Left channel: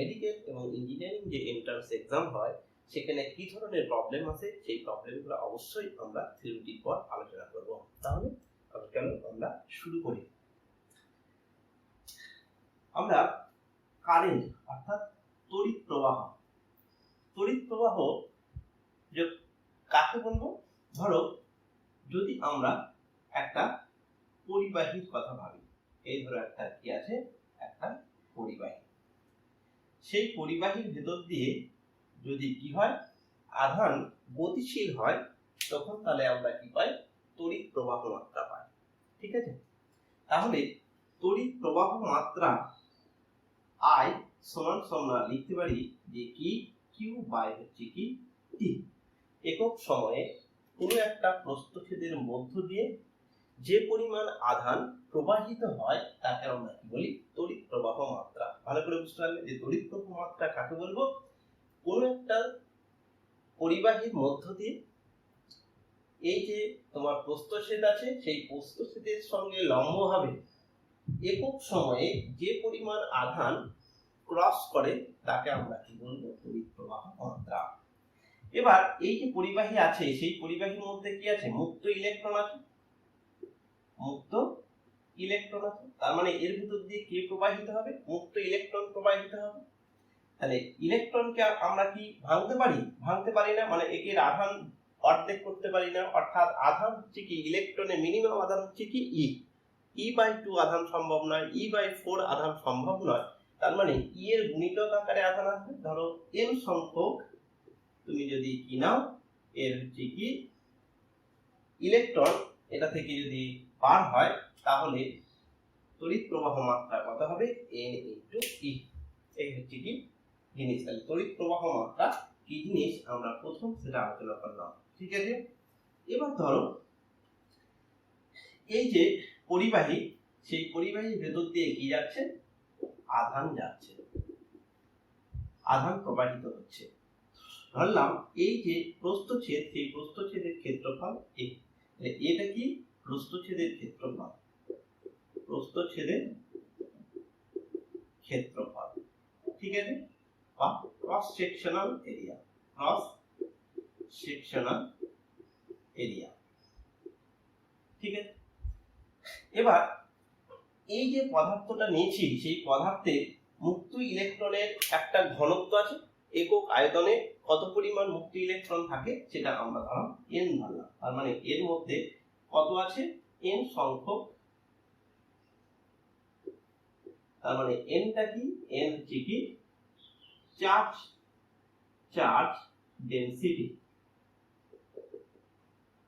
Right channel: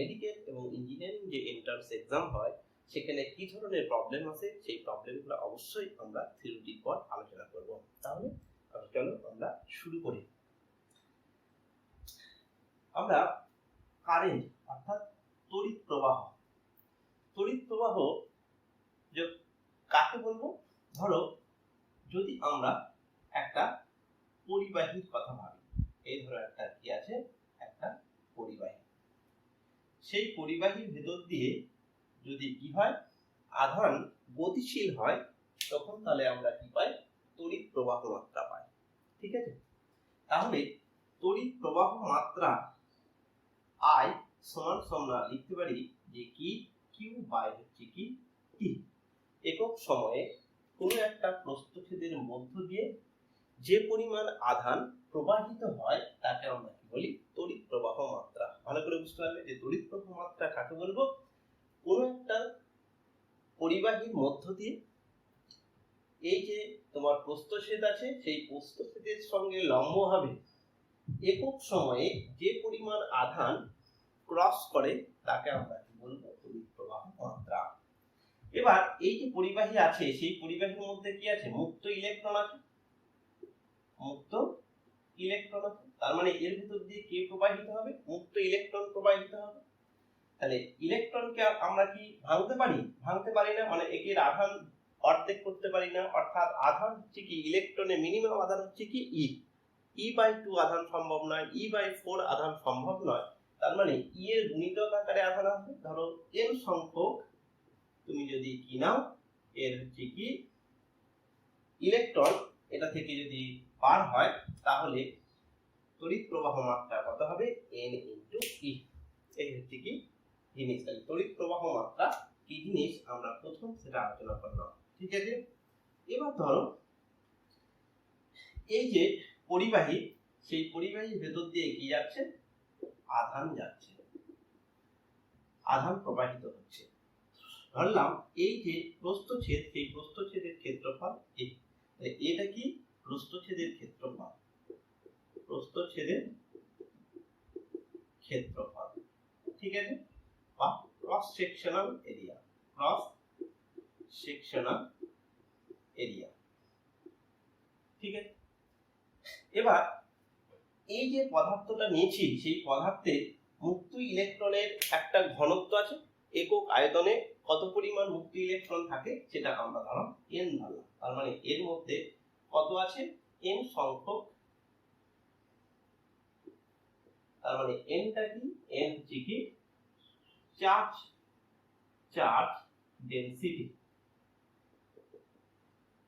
Medical এবং engineering যে entrance exam হয় সেখানে কি ধরনের প্রবলেম আছে সেই প্রবলেমগুলো অবশ্যই আমরা থিওরিটির পর আলোচনা করব। তাহলে চলো আমরা শুরু করি। আমরা কারেন্ট অর্থাৎ তড়িৎ প্রবাহ যে কাকে বলবো, ধরো যদি আমরা একটা পরিবাহীর কথা ভাবি, এই ধরো একটা কি আছে, একটা পরিবাহী। সেই পরিবাহীর ভেতর দিয়ে যদি কি হয়, আধান গতিশীল হয়, তখন তাহলে আমরা কি পাই, তড়িৎ প্রবাহ মাত্রা পাই। ঠিক আছে, তাহলে তড়িৎ প্রবাহ মাত্রা I সমান আমরা লিখতে পারি যে কি কিউ বাই হচ্ছে কি টি। একক সময়ে কোনো একটা প্রস্থচ্ছেদের মধ্য দিয়ে যে পরিমাণ আধান প্রবাহিত হয় তাকে আমরা কি বলি, তড়িৎ প্রবাহ মাত্রা। ভালো করে বুঝতে হবে যে তড়িৎ প্রবাহ মাত্রা কাকে বলবো, কোনো একটা পরিবাহীর মধ্য দিয়ে এই যে তোমার প্রস্থচ্ছেদ আছে, সেই প্রস্থচ্ছেদের সঙ্গে লম্বভাবে একক সময়ে যে পরিমাণ আধান ক্রস করে তাকে আমরা কি বলবো, তড়িৎ প্রবাহ মাত্রা। এবার এই যে পরিবাহী আছে, সেই পরিবাহীর মধ্যে কি আছে, মুক্ত ইলেকট্রন আছে, তার মানে এর ভিতর দিয়ে কি প্রবাহিত হবে, মুক্ত ইলেকট্রন প্রবাহিত হবে। তাহলে ইলেকট্রনকে আমরা কি ভাঙতে পারি না, মানে এর আধান অর্ধেক করতে পারি না, অর্থাৎ আধান হচ্ছে কি, ইলেকট্রনের মিনিমাম আধান হচ্ছে কি E/2 আধান সম্ভব নয়, E/4 আধান সম্ভব নয়। তার মানে E এর গুণিতক আকারে আধান আসবে। ধরো n সংখ্যক তুমি যদি কি নাও, এর হচ্ছে কি ইলেকট্রন এটা থেকে যদি পার হয়, তাহলে তড়িৎ প্রবাহ মাত্রা কত হবে, n × E। এই হচ্ছে কি জিনিস। তাহলে তড়িৎ প্রবাহ মাত্রা কি জিনিস আমরা প্রথম সেটা আলোচনা করলাম। ঠিক আছে, এবার ধরো এই যে পরিবাহী, সেই পরিবাহীর ভেতর দিয়ে কি যাচ্ছে, আধান যাচ্ছে, আধান প্রবাহিত হচ্ছে। ধরলাম এই যে প্রস্থচ্ছেদ, সেই প্রস্থচ্ছেদের ক্ষেত্রফল এটা কি, প্রস্থচ্ছেদের ক্ষেত্রফল, ঠিক আছে, বা ক্রস সেকশনাল এরিয়া, ঠিক আছে। এবার এই যে পদার্থটা নিয়েছি, সেই পদার্থের মুক্ত ইলেকট্রনের একটা ঘনত্ব আছে, একক আয়তনে কত পরিমাণ মুক্ত ইলেকট্রন থাকে সেটা আমরা ধরো n ধরলাম। তার মানে এর মধ্যে কত আছে, n সংখ্যক, তার মানে nটা কি, n হচ্ছে কি চার্জ ডেনসিটি।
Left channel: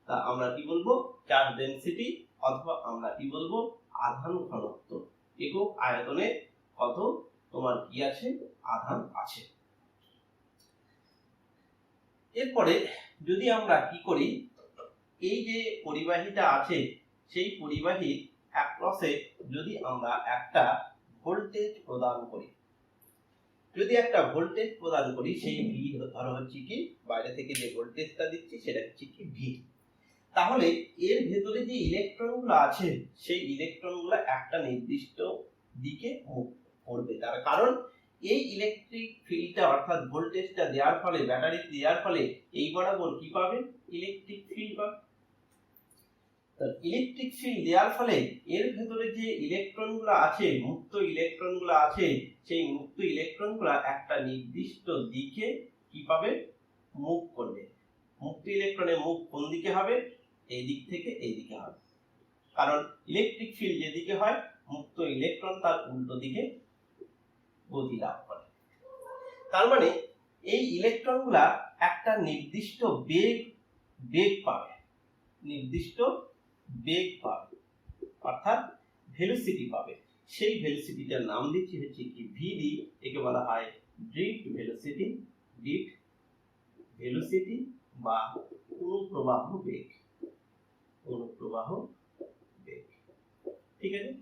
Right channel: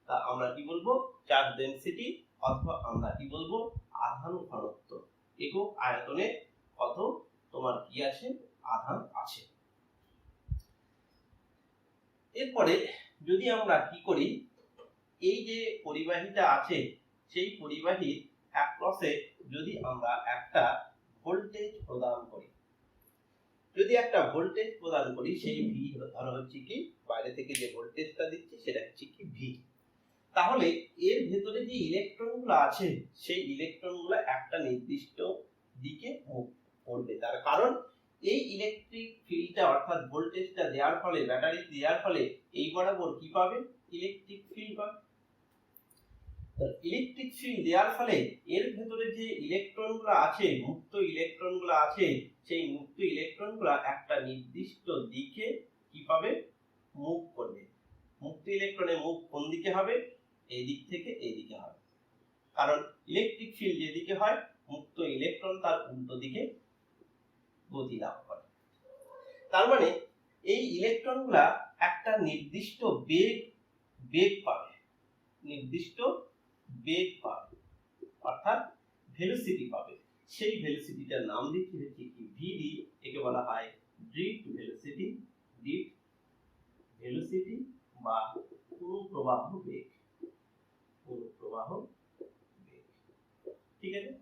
তা আমরা কি বলবো, চার্জ ডেনসিটি, অথবা আমরা কি বলবো, আধান ঘনত্ব। একক আয়তনে কত তোমার কি আছে, আধান আছে। এরপরে যদি আমরা কি করি, এই যে পরিবাহীটা আছে, সেই পরিবাহীর অ্যাক্রসে যদি আমরা একটা ভোল্টেজ প্রদান করি, সেই ভি ধরো হচ্ছে কি, বাইরে থেকে যে ভোল্টেজটা দিচ্ছি সেটা হচ্ছে কি ভি। তাহলে এর ভেতরে যে ইলেকট্রনগুলো আছে, সেই ইলেকট্রনগুলো একটা নির্দিষ্ট দিকে মুভ করবে। তার কারণ এই ইলেকট্রিক ফিল্ডটা অর্থাৎ ভোল্টেজটা দেওয়ার ফলে, ব্যাটারি দেওয়ার ফলে এই বরাবর কি পাবে, ইলেকট্রিক ফিল্ড পাবে। তো ইলেকট্রিক ফিল্ড দেওয়ার ফলে এর ভেতরে যে ইলেকট্রনগুলো আছে, মুক্ত ইলেকট্রনগুলো আছে, সেই মুক্ত ইলেকট্রনগুলো একটা নির্দিষ্ট দিকে কি পাবে, মুভ করবে। মুক্ত ইলেকট্রনের মুভ কোন দিকে হবে, এই দিক থেকে এই দিকে হবে। কারণ ইলেকট্রিক ফিল্ড যেদিকে হয়, মুক্ত ইলেকট্রন তার উল্টো দিকে গতি লাভ করে। তার মানে এই ইলেকট্রনগুলা একটা নির্দিষ্ট বেগ পাবে, অর্থাৎ ভেলোসিটি পাবে। সেই ভেলোসিটিটার নাম দিচ্ছি হচ্ছে কি ভিডি। একে বলা হয় ড্রিফট ভেলোসিটি বা অনুপ্রবাহ বেগ, ঠিক আছে।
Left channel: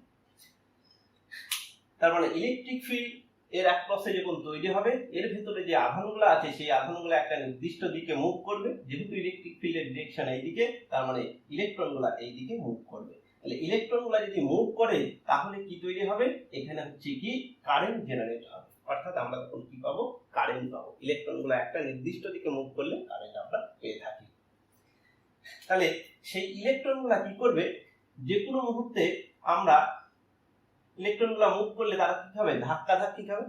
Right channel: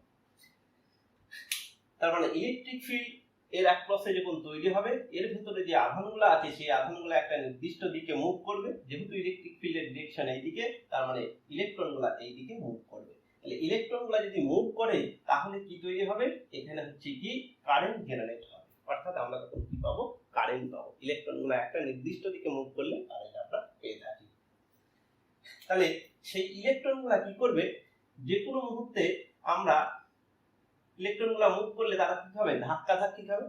তার মানে ইলেকট্রিক ফিল্ড এর অ্যাক্রসে যখন তৈরি হবে, এর ভেতরে যে আধানগুলো আছে, সেই আধানগুলো একটা নির্দিষ্ট দিকে মুভ করবে। যেহেতু ইলেকট্রিক ফিল্ডের ডিরেকশন এইদিকে, তার মানে ইলেকট্রনগুলো এই দিকে মুভ করবে। তাহলে ইলেকট্রনগুলো যদি মুভ করে, তাহলে কি তৈরি হবে, এখানে হচ্ছে কি কারেন্ট জেনারেট হবে। অর্থাৎ অর্থাৎ আমরা তখন কি পাবো, কারেন্ট পাবো। ইলেকট্রনগুলো একটা নির্দিষ্ট দিকে মুভ করলে কারেন্ট আমরা পেয়ে থাকি। তাহলে সেই ইলেকট্রনগুলো কি করবে, যে কোনো মুহূর্তে আমরা ইলেকট্রনগুলো মুভ করলে তারা কি হবে, ধাক্কা ধাক্কি খাবে।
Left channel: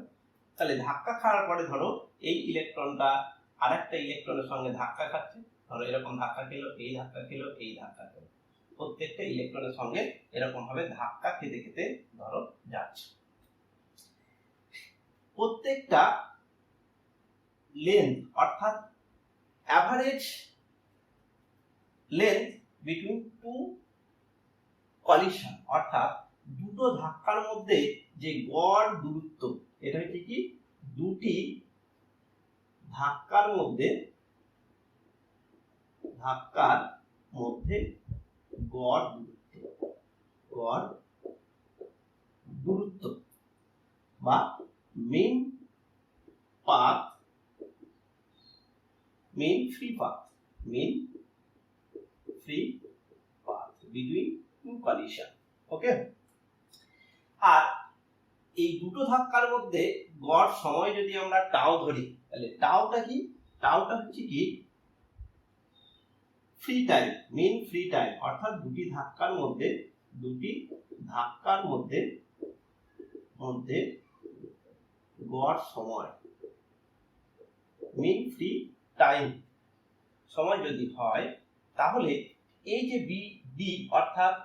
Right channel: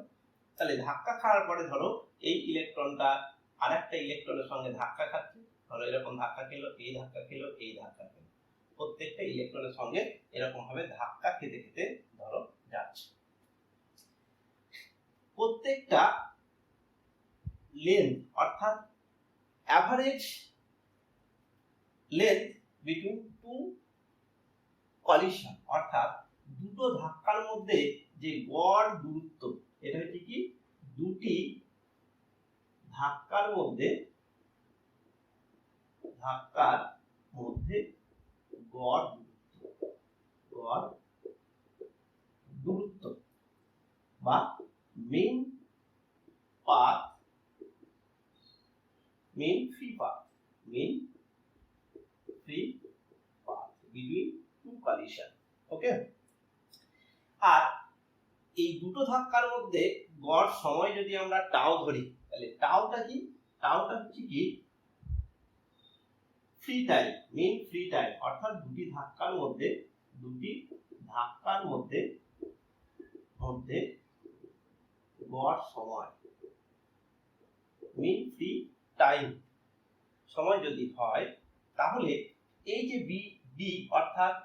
তাহলে ধাক্কা খাওয়ার পরে ধরো এই ইলেকট্রনটা আরেকটা ইলেকট্রনের সঙ্গে ধাক্কা খাচ্ছে, ধরো এরকম ধাক্কা খেলো, এই ধাক্কা খেলো, এই ধাক্কা খেলো, প্রত্যেকটা ইলেকট্রনের সঙ্গে এরকম ভাবে ধাক্কা খেতে খেতে ধরো যাচ্ছে। প্রত্যেকটা লেন্থ অর্থাৎ average length between two collision অর্থাৎ দুটো ধাক্কার মধ্যে যে গড় দূরত্ব, এটা হচ্ছে কি দুটি ধাক্কার মধ্যে গড় দূরত্ব বা mean free path between two collision। ওকে, আর এই দুটো ধাক্কার মধ্যে গড় সময় যদি আমরা টাও ধরি, তাহলে টাওটা কি, টাওটা হচ্ছে কি free time, mean free time, অর্থাৎ দুটি ধাক্কার মধ্যে গড় সময়, মিন ফ্রি টাইম সময় যদি হয়, তাহলে এই যে ডি অর্থাৎ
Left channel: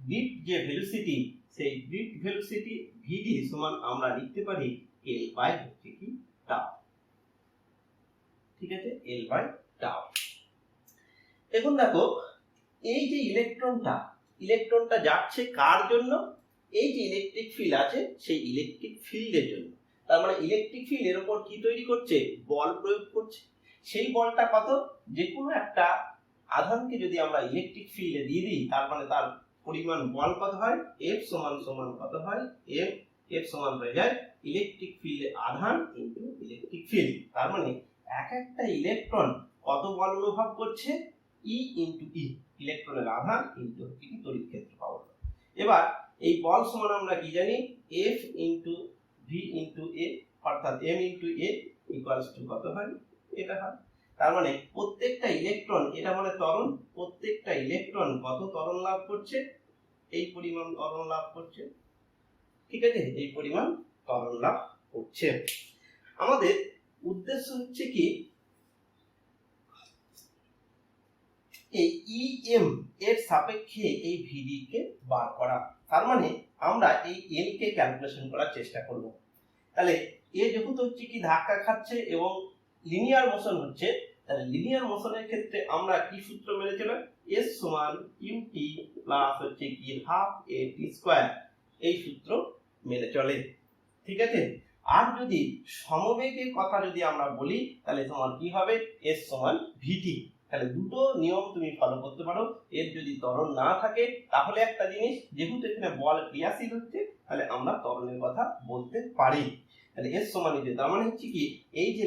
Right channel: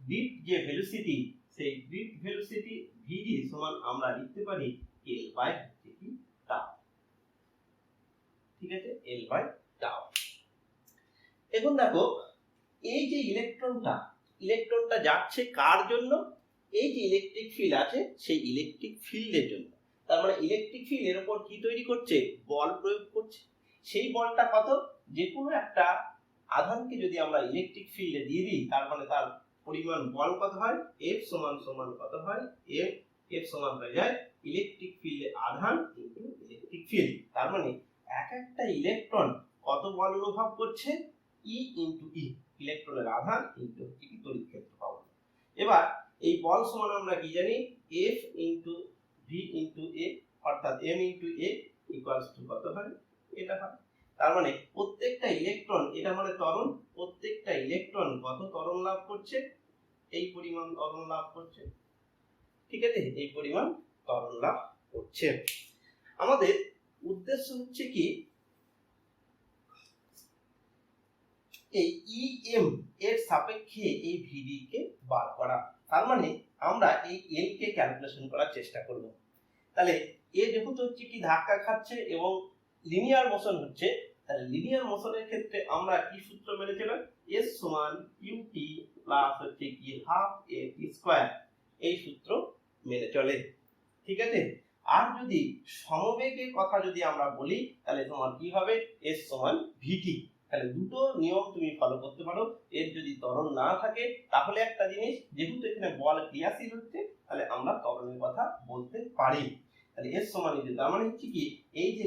বিট যে ভেলোসিটি, সেই বিট ভেলোসিটি ভিডি সমান আমরা লিখতে পারি এল বাই হচ্ছে কি টাও। ঠিক আছে, এল বাই টাও। এখন দেখো এই যে ইলেকট্রনটা যাচ্ছে কার জন্য, এই যে ইলেকট্রিক ফিল্ড আছে সেই ইলেকট্রিক ফিল্ডের জন্য। তার মানে ইলেকট্রিক ফিল্ডের উপর কি তৈরি করছে, বল প্রয়োগ করছে। সেই বলটা কত, যে কোনো একটা আধানকে যদি আমরা ইলেকট্রিক ফিল্ডে দিয়ে দিই, তার মানে তার পরিমাণ বল কত হয়, এফ সমান কত হয়, এফ সমান হয়ে যায় ইলেকট্রিক ফিল্ডে আধান ইনটু ইলেকট্রিক ফিল্ড। তার মানে এক একটা ইলেকট্রন কত বল অনুভব করছে, ই ইনটু ই, ইলেকট্রনের আধান ইনটু হচ্ছে কি তড়িৎ ক্ষেত্র পাবো। এবার এই বল সমান আমরা কি জানি, f into v into a, অর্থাৎ m into a equals to কত হয়, এটা হয়। তার মানে প্রত্যেকটা ইলেকট্রন, এটা মানে ত্বরণ, প্রত্যেকটা ইলেকট্রন কত ত্বরণ লাভ করছে, এই পরিমাণ ত্বরণ লাভ করছে। ঠিক আছে, এই পরিমাণ ত্বরণ লাভ করছে। আমাদের উদ্দেশ্য হচ্ছে কি এই ইএম এর সাপেক্ষে এই ভিডি কে বার করা। তার মানে আমরা এই এল কে ক্যালকুলেশন করার চেষ্টা করব। তাহলে এ যেহেতু হচ্ছে কি ধাক্কা খাচ্ছে এবং লিনিয়ার মোশন হচ্ছে, তাহলে লিনিয়ার মোশনের ক্ষেত্রে আমরা কি সূত্র মেনে চলে, এস সমান ইউটি প্লাস হচ্ছে কি হাফ এ টি স্কয়ার, এই সূত্র মেনে চলে। ঠিক আছে, আর যদি সমবেগের কথা যদি আমরা বলি, তাহলে তোমার কি হবে, এস সমান ভিটি। তাহলে দুটো নিয়ম তুমি ফলো করতে পারো। এর যদি ত্বরণ না থাকে, তাহলে একটা জিনিস, যেহেতু এখানে বল ক্রিয়াশীল হচ্ছে, তাহলে আমরা ত্বরণের কথা বলতে পারি। তাহলে এস সমান এই যে, তার মানে হচ্ছে কি এই যে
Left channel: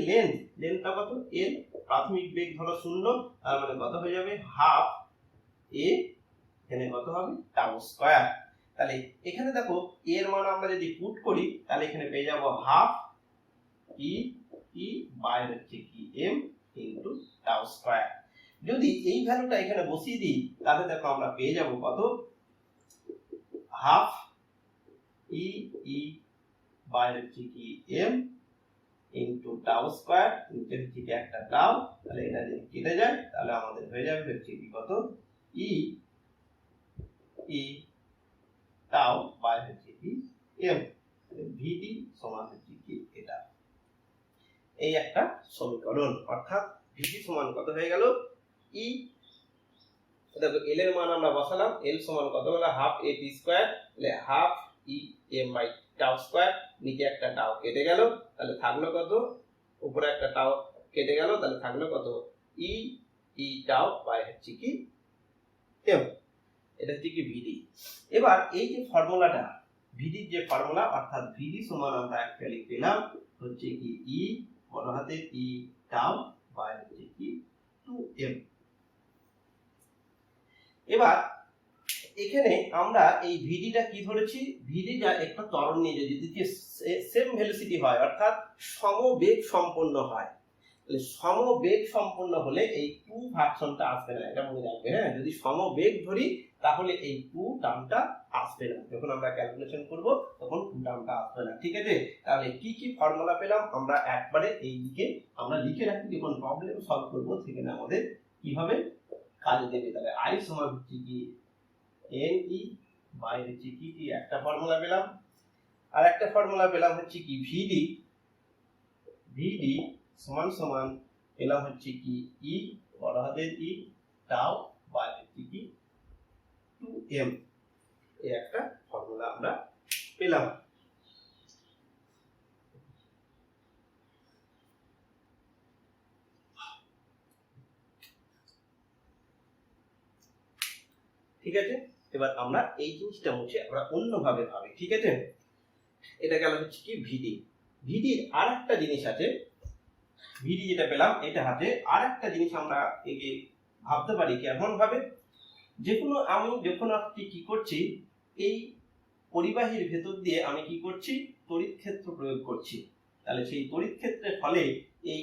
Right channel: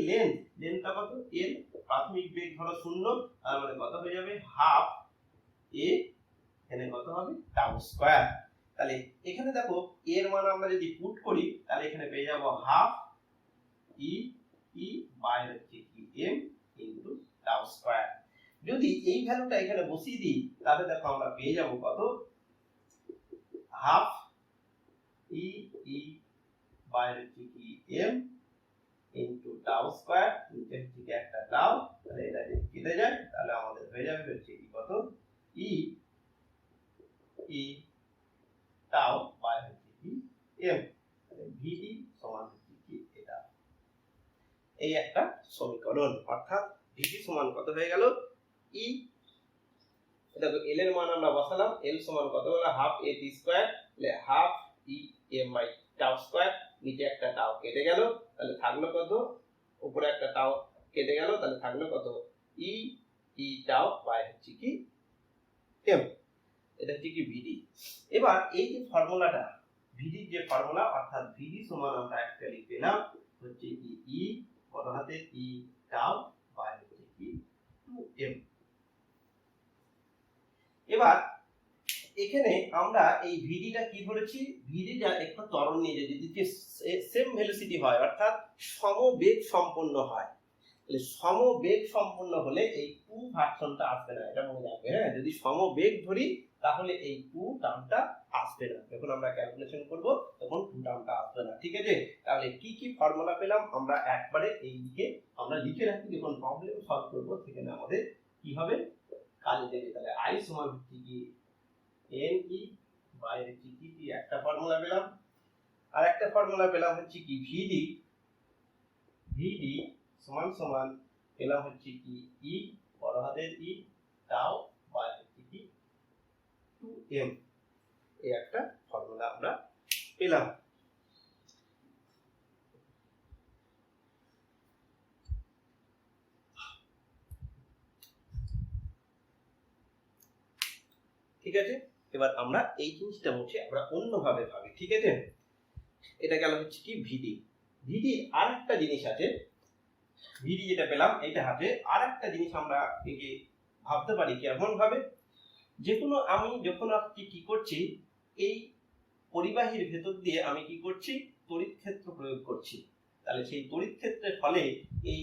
লেন্থটা কত, এল, প্রাথমিক বেগ ধরো 0, তার মানে কত হয়ে যাবে হাফ এ, এখানে কত হবে টাউ স্কয়ার। তাহলে এখানে দেখো এর মান আমরা যদি পুট করি, তাহলে এখানে পেয়ে যাব হাফ ই বাই হচ্ছে কি এম ইনটু টাউ স্কয়ার। যদি এই ভ্যালুটা এখানে বসিয়ে দিই, তাহলে দেখো আমরা পেয়ে যাব কত, হাফ ই বাই হচ্ছে কি এম ইনটু টাউ স্কয়ার, নিচে হচ্ছে কি একটা টাউ, তাহলে এটা যদি কেটে যায়, তাহলে আমাদের হয়ে যাবে হচ্ছে কি কত, ই টাউ বাই হচ্ছে কি এম, ভিডি সমান হচ্ছে কি এটা। এই একটা সমীকরণ, অর্থাৎ ভিডি সমান কত হয়ে গেল, ই, দেখো এল এর মান আমরা বসালাম, এল সমান কত হলো হাফ এ টি স্কয়ার, তাহলে half e m by tau square, নিচে একটা টাউ কেটে গেল, তাহলে থাকলো কত, উপরে একটা টাউ কেটে গেল, তাহলে থাকলো কত, ই টাউ বাই হচ্ছে কি এম, এটা হচ্ছে কি ভিডি। এবার এই যে ফর্মুলাটা, ভিডির যে ফর্মুলা, অর্থাৎ ভিডি সমান আমরা অ্যাকচুয়ালি পেলাম হচ্ছে কি ই বড় হাতের ই টাউ বাই হচ্ছে কি 2m। এবার এখানে আমরা এই ভিডিটা কি ধরেছি, ভিডিটা একটা ত্বরণ নিয়ে যদি সেম ভেলোসিটি হয় অর্থাৎ সমবেগ সম্পন্ন হয়, তাহলে সমবেগ সম্পন্ন হলে এই টু ভার্সনটা আসবে না, এটা মনে রাখবে। হ্যাঁ, যদি সমবেগ ধরি তাহলে এই টু টার্মটা আসবে না, যখন আমরা ক্যালকুলেশন করব তখন টু টার্মটা আসবে না। ঠিক আছে, তাহলে কি কি ফর্মুলা পেলাম আমরা একবারে এই দিকে আমরা লিখে রাখি, যখন প্রবলেম সলভ করব সেখানে আমাদের কি হবে, কাজে দেবে। তাহলে আই সমান হচ্ছে কি এন ই বাই হচ্ছে কি একটা ফর্মুলা পেলাম, আর একটা ফর্মুলা পেলাম হচ্ছে কি ভিডি, ভিডি সমান সমান পেলাম হচ্ছে কি ই বড় হাতের ই টাও বাই হচ্ছে কি 2m, এই একটা ফর্মুলা আমরা পেলাম। ঠিক আছে, এবার আমরা এই জিনিসটা হচ্ছে আমরা অন্যভাবে ভাবি। ঠিক আছে, এটা গেল হচ্ছে কি ভিডি। ভিডির আর একটা জিনিস আছে, ভিডি যেটা পেলাম এটা হাতে আর একটা জিনিস আমরা একে ভাবতে পারি কেমন ভাবে, যেকোনো আমি যখন আপনি কি করছি এই পরিবাহীর ভেতর দিয়ে আমি কি করছি তড়িৎ ক্ষেত্র প্রয়োগ করছি, তাহলে সেই তড়িৎ ক্ষেত্রের ফলে এই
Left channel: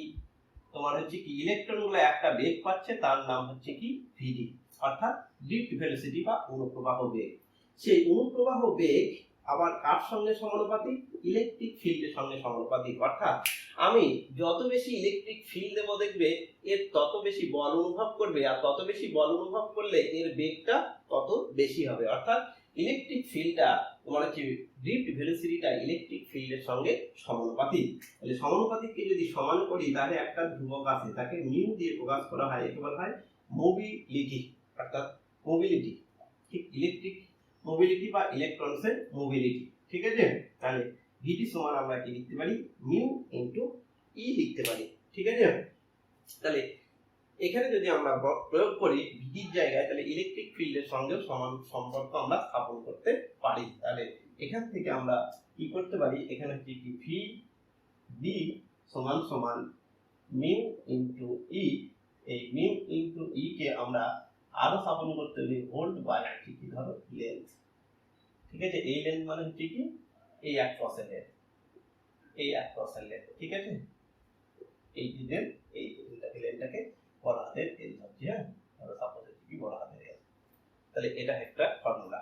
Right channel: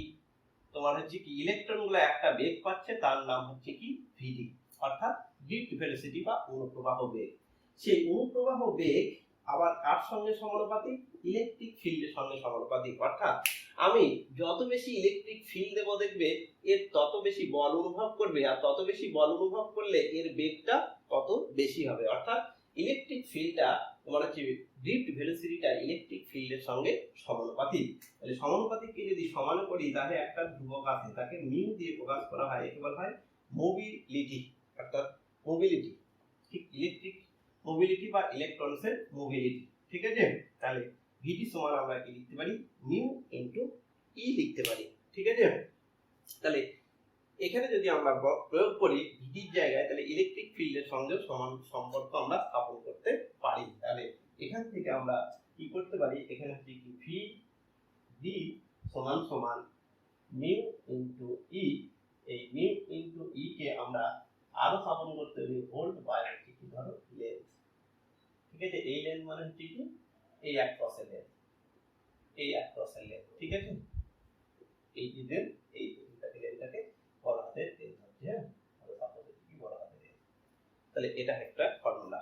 তোমার হচ্ছে কি ইলেকট্রনগুলো একটা বেগ পাচ্ছে, তার নাম হচ্ছে কি ভিডি, অর্থাৎ ড্রিফট ভেলোসিটি বা অনুপ্রবাহ বেগ। সেই অনুপ্রবাহ বেগ আবার কার সঙ্গে সমানুপাতিক, ইলেকট্রিক ফিল্ডের সঙ্গে সমানুপাতিক, অর্থাৎ আমি যত বেশি ইলেকট্রিক ফিল্ড দেবো দেখবে এর তত বেশি বল অনুভব করবে, আর তত বেশি বল অনুভব করলে এর বেগটা তত বেশি হবে, অর্থাৎ ইলেকট্রিক ফিল্ডটা তোমার হচ্ছে ড্রিফট ভেলোসিটিটা ইলেকট্রিক ফিল্ডের সঙ্গে সমানুপাতিক। তাহলে সমানুপাতিককে যদি সমান করি তাহলে একটা ধ্রুবক আছে, তাকে মিউ দিয়ে প্রকাশ করা হয়, একে বলা হয় মোবিলিটি, অর্থাৎ মোবিলিটি, ঠিক ইলেকট্রিক মোবিলিটি বা ইলেকট্রনসের মোবিলিটি। ঠিক আছে, তাহলে ভিটি সমান আমরা কি লিখতে পারি মিউ ইনটু ই লিখতে পারি। ঠিক আছে, তাহলে এখানে যদি আমরা প্রয়োগ করি ভিডির জায়গায়, তাহলে ইলেকট্রিক ফিল্ডের সঙ্গে সমান সম্পর্ক আমরা স্থাপন করতে পারি। তাহলে এখান থেকে আমরা কি করতে পারি, এখানে হচ্ছে কি ভি ডি সমান সমান মিউ ইনটু ই, এই মিউ ইনটু ই কে আমরা আরো স্থাপন করতে পারি ভোল্ট বাই কি ধরো লেন্থ। ঠিক আছে, এই লেন্থ মানে হচ্ছে কি এই এক ক্রসের, এই এক ক্রসের লেন্থ। ঠিক আছে, এই যে লেন্থ, এই লেন্থটাকে বড় হাতের এল ধরছি। হ্যাঁ, তাহলে সাপোজ হচ্ছে কি বড় হাতের এল, তাহলে এটা একটা ফর্মুলা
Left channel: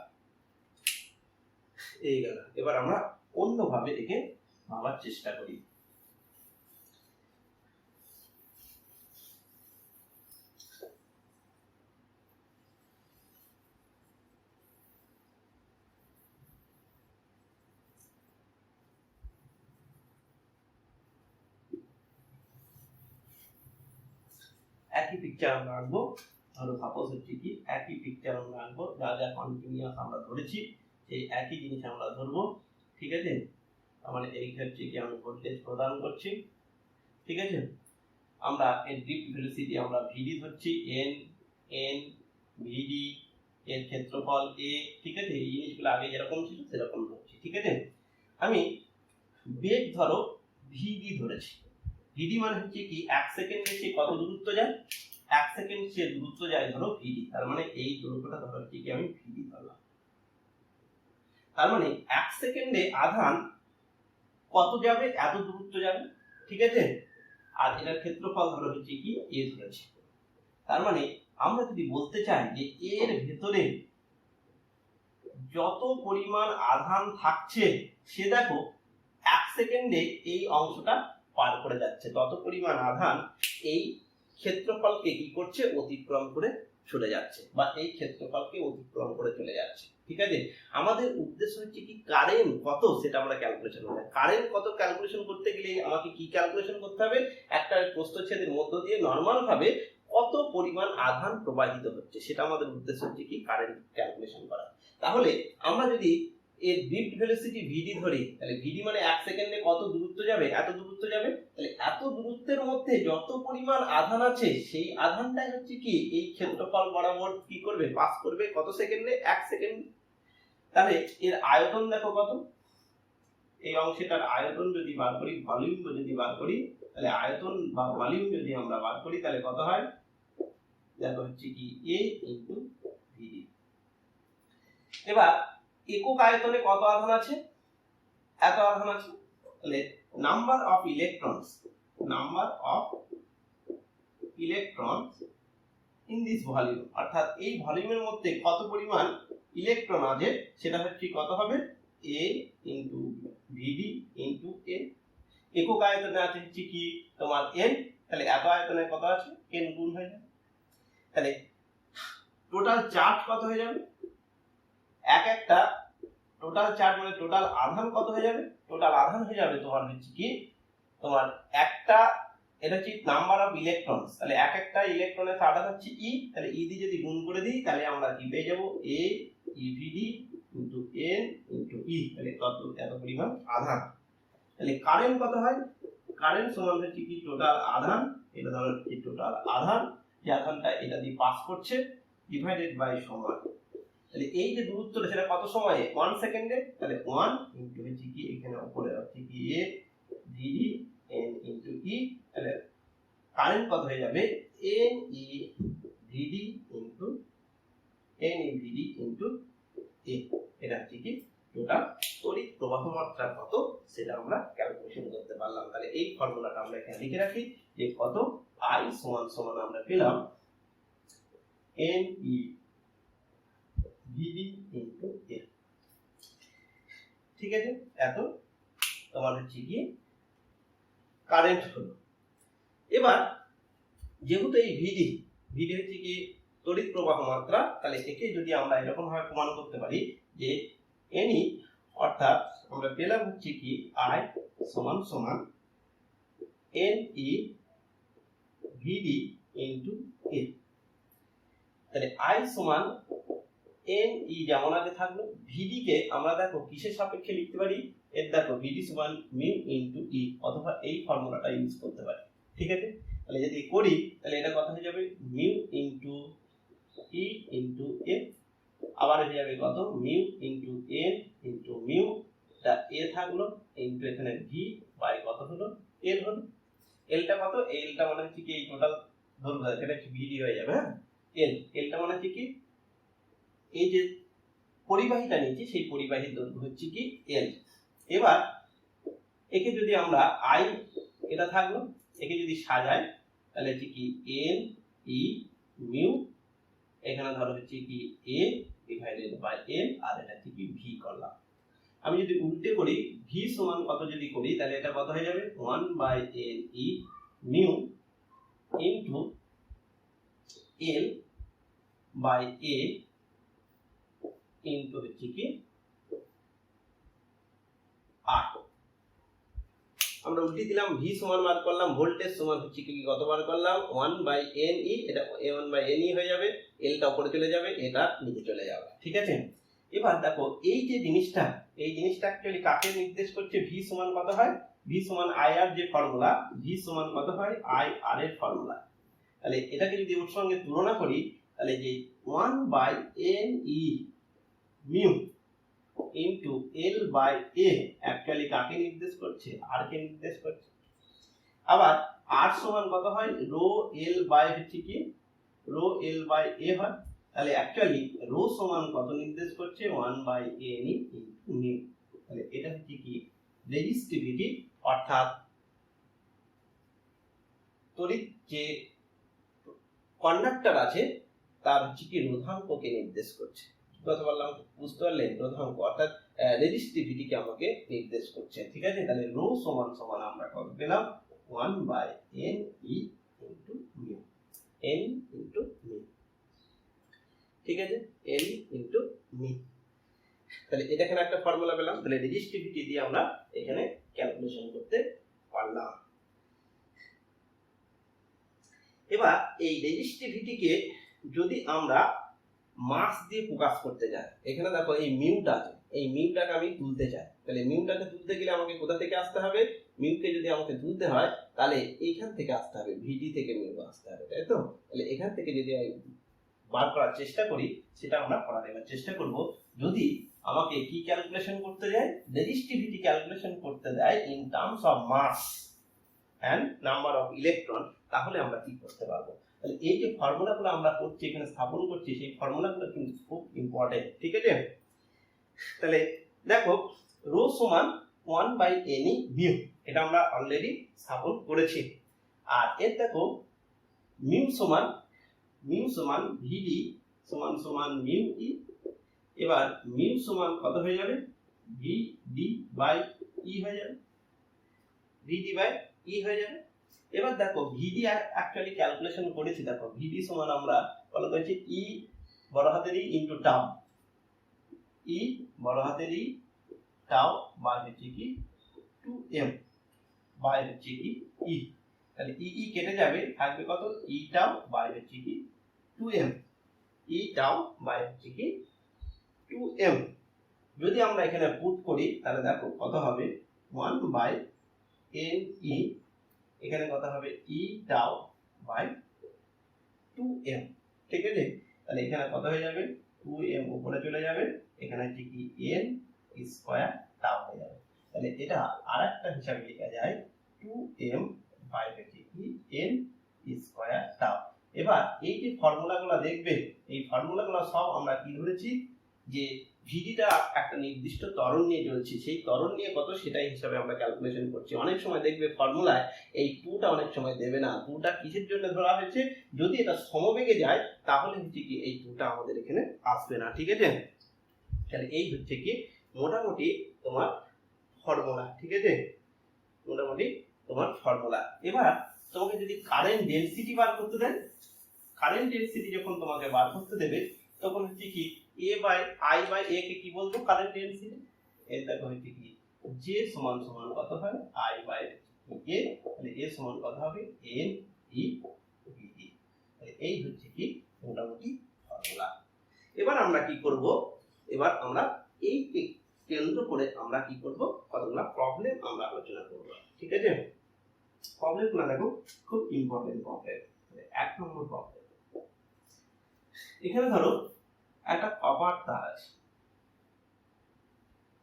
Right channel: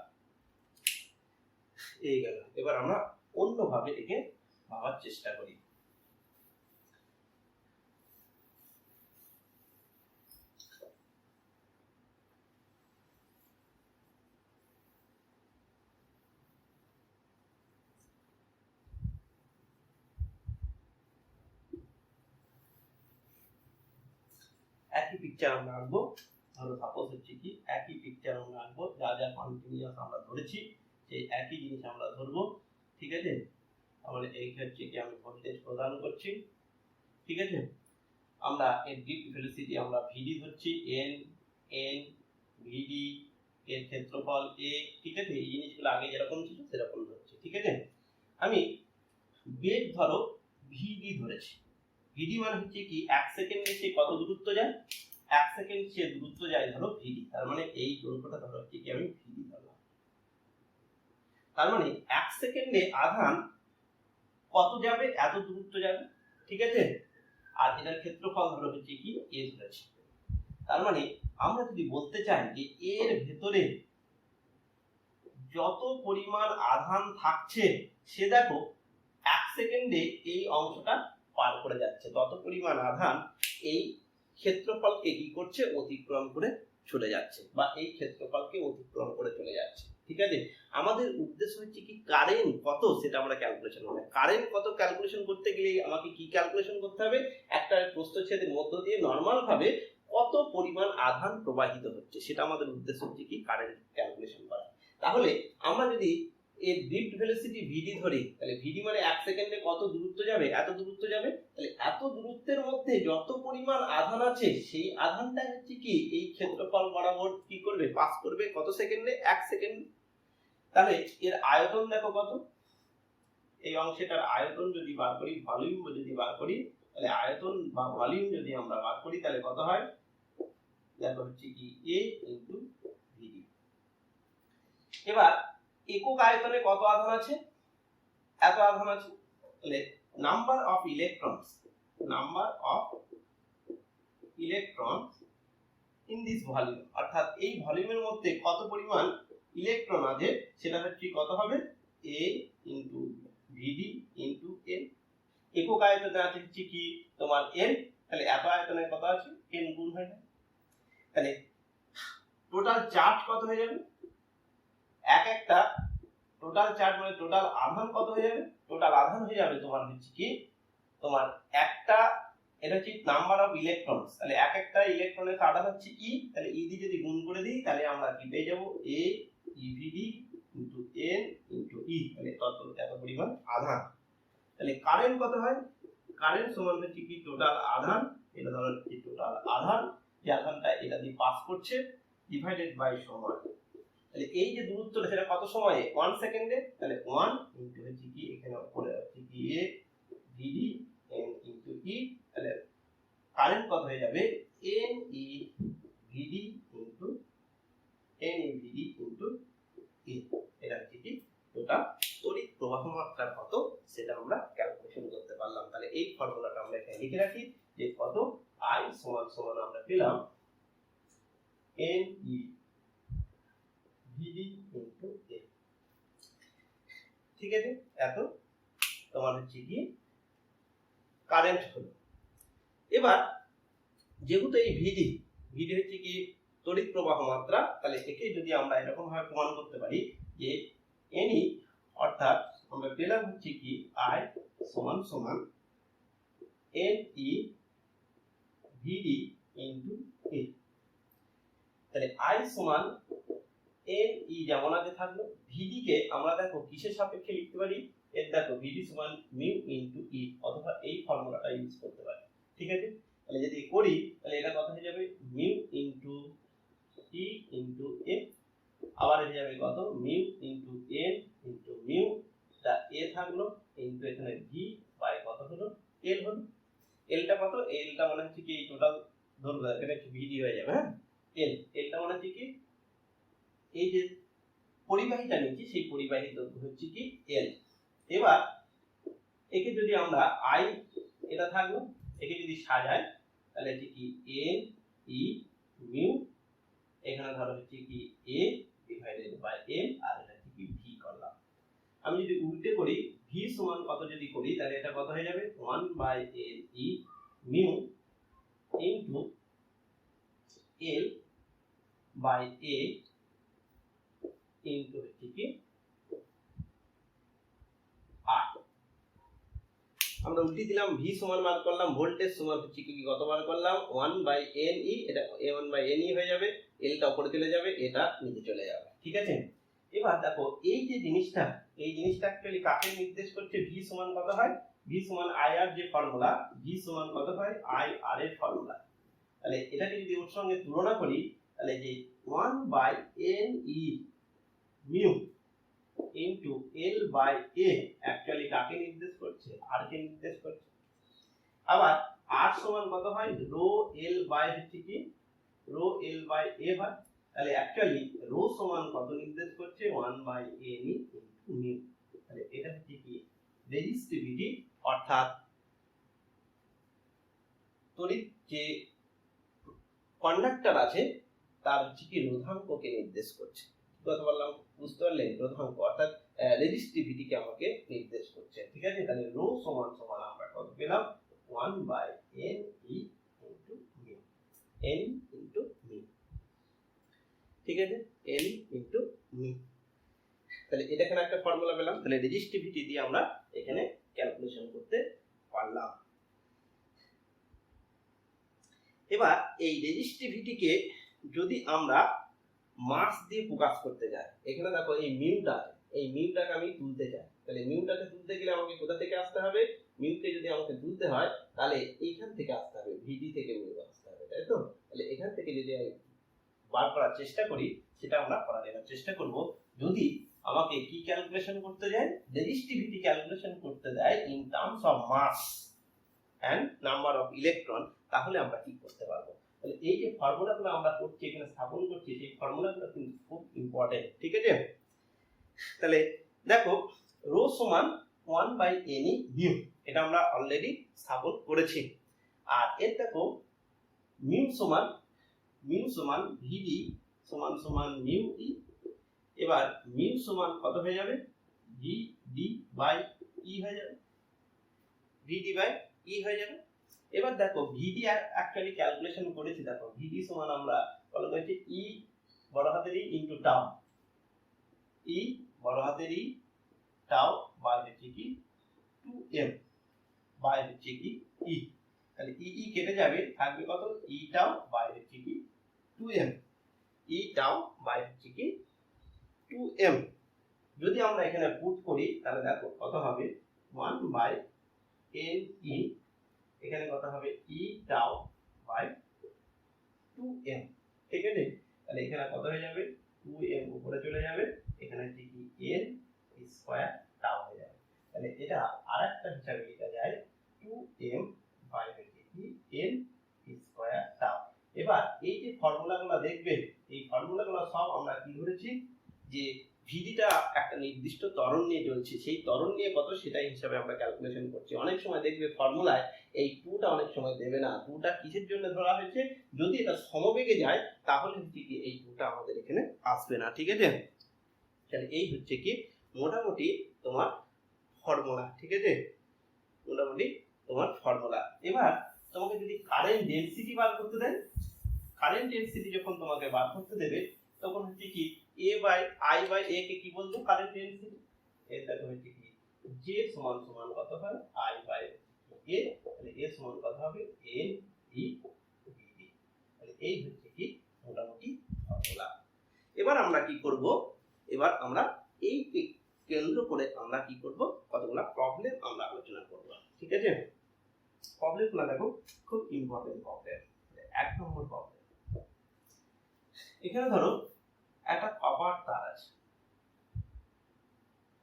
এই গেল। এবার আমরা অন্যভাবে একে ভাবার চেষ্টা করি। একই পিকচার আমরা আঁকবো, ধরো সাপোজ হচ্ছে কি একই পিকচার আমরা আঁকবো, যা যা কন্টিনিউয়াস আমরা ধরেছি সেই একই জিনিস আমরা ধরবো। ঠিক আছে, মানে এই ক্ষেত্রে কি আমি ভোল্টেজ প্রদান করছি। ঠিক আছে, আমরা এর ড্রিফট ভেলোসিটি আমরা ভিডি ধরছি, এন এন ভিডি, এর ক্ষেত্রফল এ। ঠিক আছে, এই জিনিসগুলো আগে যেরকম ছিল সেরকম ধরছি। ঠিক আছে, আমি বেগ ধরো ভিডি ধরেছি, ভিডি মানে হচ্ছে কি 1 সেকেন্ডে সে কত দূরত্ব যায়, 1 সেকেন্ড সে দূরত্ব যায় ধরো ভিডি, তার মানে এই দূরত্বটা ধরো হচ্ছে কি আমি ভিডি ধরলাম। তার মানে 1 সেকেন্ডে আধান কত যাবে, এত দূরত্ব যাবে। ঠিক আছে, আর এটার ক্ষেত্রফল ধরো হচ্ছে কি এ ধরেছি। তার মানে আমরা যদি বলতে চাই যে এর ভেতরে যত পরিমাণ আধান থাকছে সে দেখো 1 সেকেন্ডে এই অংশটা পার করে যাচ্ছে, তত পরিমাণ আধান এই ক্ষেত্রফলকে কি করছে অতিক্রম করে চলে যাচ্ছে, বা এই ক্ষেত্রফলকে অতিক্রম করে চলে যাচ্ছে। ঠিক আছে, আমাদের উদ্দেশ্য হচ্ছে কি কারেন্ট কত সেটা আমরা ক্যালকুলেশন করব। কারেন্ট কত ক্যালকুলেশন করতে গেলে আমাকে কি ক্যালকুলেশন করতে হবে, একটা প্রস্থচ্ছেদের মধ্য দিয়ে নরমাল ভাবে কত পরিমাণ আধান প্রবাহিত হচ্ছে সেটা আমাদের উদ্দেশ্য হচ্ছে কি কারেন্ট ক্যালকুলেশন করা। তাহলে আমরা যদি এর ড্রিফট ভেলোসিটি ভিডি ধরি, তাহলে ভিডি মানে 1 সেকেন্ডে কত দূরত্ব যাবে, এত দূরত্ব যাবে, তাহলে এত দূরত্বের মধ্যে যত পরিমাণ আধান আছে সেই আধানটাই হচ্ছে কি এই ক্ষেত্রফল বরাবর কি করবে পাস করবে কত সেকেন্ডে, 1 সেকেন্ড। তাহলে এর আয়তন দেখো কত, এই অংশটার আয়তন যদি বার করি, ভলিউম যদি বার করি, তাহলে আয়তন বা ভলিউম যদি আমরা বার করি তাহলে কত হয় দেখো হচ্ছে কি a ইনটু ভিডি। এবার একক আয়তনে কত আধান আছে? এত আধান আছে। তাহলে number of electrons in this volume, অর্থাৎ এই ভলিউমের মধ্যে কত পরিমাণ ইলেকট্রন আছে সেটা হচ্ছে কত হবে? a into vd into a। একক আয়তনে আছে হচ্ছে কি তোমার n, তাহলে এত আয়তনে কত আছে? n গুণ হয়ে যাবে। তাহলে টোটাল চার্জ কত হয়ে যাবে? একটা টোটাল চার্জ মানে টোটাল আধান কত হয়ে যাবে? টোটাল আধান হয়ে যাবে তোমার হচ্ছে কি তোমার একটা, এটা হচ্ছে নাম্বার অফ ইলেকট্রনস, তাহলে একটা ইলেকট্রনের আধান হচ্ছে e, তাহলে e দিয়ে যদি গুণ করে দিই তাহলে আমরা কি পেয়ে যাব? a evd into n into e, তাহলে এত পরিমাণ আধান। তাহলে কারেন্ট কত হয়? কারেন্ট সমান হচ্ছে কি টোটাল আধান, এটা ধরো কি টোটাল আধান, যে আধানটা এটা দিয়ে পাস করছে ডিভাইডেড বাই সময়। তাহলে এই যে দূরত্বটা সেটা কত সময়ে? 1 সেকেন্ডে। তাহলে 1 ইনটু হচ্ছে কি এখানে উপরে হচ্ছে কি a vd n into e, তাহলে কারেন্ট কত হয়ে যাবে? n e vd into a। এটা হচ্ছে কি টোটাল তড়িৎ প্রবাহ মাত্রা কত সেটা আমরা ক্যালকুলেশন করতে পারলাম। তাহলে এই ফর্মুলাটা আমরা এখানে লিখে রাখি যে কত I সমান সমান আমরা পেলাম n e vd into a। ঠিক আছে, এত তোমার হচ্ছে কি কারেন্ট হলো। এবার যেহেতু এই ভিডি হচ্ছে কি তড়িৎ প্রবাহ মাত্রা, তাহলে একে যদি আমরা এরকম ভাবে প্রমাণ করতে পারি যে এনি, অর্থাৎ আমরা পেলাম হচ্ছে কি I সমান সমান n e vd into a। তাহলে I সমান n e যেমন আগে থাকলো, vd কে আমরা দেখো কিসের সাপেক্ষে লিখতে পারি? এর দেখো vd সমান মিউ ইনটু e, অথবা এই ফর্মুলাটা ইউজ করতে পারি। ঠিক আছে, তাহলে যদি করি তাহলে এটা কত হয়ে যাবে? Mu into e into a, আবার হয়ে যাবে কত? Mu into n into mu, টা a থাকলো ইনটু এখানে v বাই কত হলো? l হলো। l টা কত? l টা মানে হচ্ছে কি এই টোটাল দৈর্ঘ্য, এটা হচ্ছে vd হয়ে যাবে। হ্যাঁ, l টা মানে হচ্ছে কি এই যে পরিবাহীটা নিয়েছি সেই পরিবাহীর দৈর্ঘ্য হচ্ছে কি l। এবার একে যদি আমরা I এটা থাকলো, একে যদি সাজাই তাহলে হচ্ছে কি n e মিউ, এখানে ধরো হচ্ছে কি a ডিভাইডেড বাই l, আর এটা হচ্ছে কি v করলাম। আমি যদি উল্টে করি v সমান কত যদি করি তাহলে এটা কত হয়ে যাবে? 1 by n e mu into l by a into হচ্ছে কি r। আমরা উল্টে দিলাম, v সমান বার করলাম, ভোল্টেজ সমান হচ্ছে কি কত বার করলাম? 1 বাই n e, এটা a1 বাই n e হয়ে যাবে, l টা উপরে চলে যাবে, এটা নিচে চলে যাবে। ঠিক আছে, এবার দেখো এই যে জিনিসটা, এই জিনিসটা অ্যাকচুয়ালি কাকে নির্দেশ করছে? v সমান কত হয়? v সমান ir যে ফর্মুলা, v সমান কত হয়? ir এর ফর্মুলা। তাহলে এটাকে যদি ওর সঙ্গে তুলনা করি তাহলে যে 1 by n e mu into l by a actually কাকে নির্দেশ করছে? r কে নির্দেশ করছে। আবার r সমান কত হয়? রো l বাই হচ্ছে কি রো l বাই a হয়। তাহলে অ্যাকচুয়ালি রো সমান কত নির্দেশ করছে? 1 by n e into mu. তাহলে এটা হচ্ছে কি রেজিস্টিভিটি, অর্থাৎ তড়িৎ যে কন্ডাক্টর আছে তার হচ্ছে কি রোধাঙ্ককে নির্দেশ করছে। কথা বললাম, বুঝতে পারলেন? রোধাঙ্ক অর্থাৎ রেজিস্টিভিটিকে আমাকে নির্দেশ করছে। ঠিক আছে, তাহলে রো সমান সমান আমরা কত পেলাম? 1 by n e into mu, n into mu. ঠিক আছে, n ইনটু মিউ। তাহলে এটা এখানে একটা ফর্মুলা পেলাম, তাহলে রেজিস্টিভিটি দিয়ে আমরা এখানে ক্যালকুলেশন করতে পারলাম। এবার এই রেজিস্টিভিটিকে যদি আমরা মাস দিয়ে প্রকাশ করতে যাই, এখানে দেখো এই মিউটা আছে, এই মিউটাকে আমি তুলতে চাই, তাহলে মিউটাকে তুলতে গেলে আমাকে কোথা থেকে আসতে হবে? মিউকে যদি আমাকে তুলতে হয় তাহলে এইখান থেকে আসতে হবে, ভিডি থেকে মিউ আসতে হবে, তাই তো? তাহলে এখান থেকে যদি আমি বার করার চেষ্টা করি, সেটা আমরা করার এবার চেষ্টা করব। যদি আমাকে কি ক্যালকুলেশন করতে যায়? রেজিস্টিভিটি ক্যালকুলেশন করতে দেয় in terms of mass and number of electron, তাহলে আমরা কি করতে পারবো? তাহলে এই যে ফর্মুলাগুলো আমরা করছি, এখানে স্থাপন করছি, সেই ফর্মুলাগুলো কিন্তু খুব ইম্পর্টেন্ট। ঠিক আছে, তাহলে দেখো রো সমান 1/ne মিউ, এটা আমরা অলরেডি স্থাপন করেছি। আর এর দেখো মিউ সমান ভিডি সমান মিউ ই। এবার মিউ সমান কত হয়ে যাবে, ভিডি বাই ই হয়ে যাবে, ভিডি বাই ই হয়ে যাবে। এবার দেখো ভিডি অ্যাকচুয়ালি ক্যালকুলেশন করেছি, দেখো ভিডি সমান আমরা বলা হয়েছে ই বড় হাতের ই ইনটু টাউ, ই বড় হাতের ই টাউ বাই হচ্ছে কি 2m বাই হচ্ছে কি ই। তাহলে ই কেটে যাবে, থাকবে কত ই টাউ বাই হচ্ছে কি 2m, ই টাউ বাই হচ্ছে কি 2m। যদি আমরা এখানে পুট করি তাহলে দেখো কত হবে 1/ne, এখানে কত হবে ই টাউ বাই 2m। ঠিক আছে, তাহলে এখানে কত হয়ে যাবে 2m উপরে চলে যাবে, এখানে হচ্ছে কি n স্কয়ার টাউ হয়ে যাবে। তাহলে এটা আরেকটা হিসাবে লেখা যায় 2m বাই হচ্ছে কি n স্কয়ার টাউ। এবার এই যে ফর্মুলাগুলো দেখবে, এই ফর্মুলাগুলো সব আমরা কি ধরেছি যে ভিডিটা একটা নির্দিষ্ট ত্বরণ নিয়ে চলছে, সেই ত্বরণ নিয়ে কত সেটাই হিসাবে আমরা ক্যালকুলেশন করছি। অনেক সময় দেখবে ফর্মুলায় এই টুটা অনেক সময় দেবে না, টুটা কিসের জন্য ধরা হয়েছে, যদি এটা সমবেগে যায় তাহলে হচ্ছে কি এই টুটা আমাদের এখানে আসবে না। ঠিক আছে, তাহলে এই হচ্ছে কি মোটামুটি তোমার ফর্মুলা। ঠিক আছে, মোটামুটি তোমার ফর্মুলা। এবার তোমাকে যদি কারেন্ট ডেনসিটি বার করতে দেয়, কারেন্ট ডেনসিটি যখন তোমাকে বার করতে দেবে তখন হচ্ছে কি a by i by a কে কি বলবো কারেন্ট ডেনসিটি, এই দেখো হচ্ছে কি j সমান কত হয় i বাই a, তাহলে a সমান কত হবে n e vd। তাহলে এই হচ্ছে কি মোটামুটি ফর্মুলা। এবার আমরা কি করব, এবার আমরা এই কেন্দ্র করে আমরা কি করব, কতগুলো প্রবলেম আমরা আলোচনা করব। ঠিক আছে, প্রবলেমগুলো দেখো খুব ইম্পর্টেন্ট প্রবলেম। এক নম্বর প্রবলেম, এখানে ধরো একটা কপার তার আছে,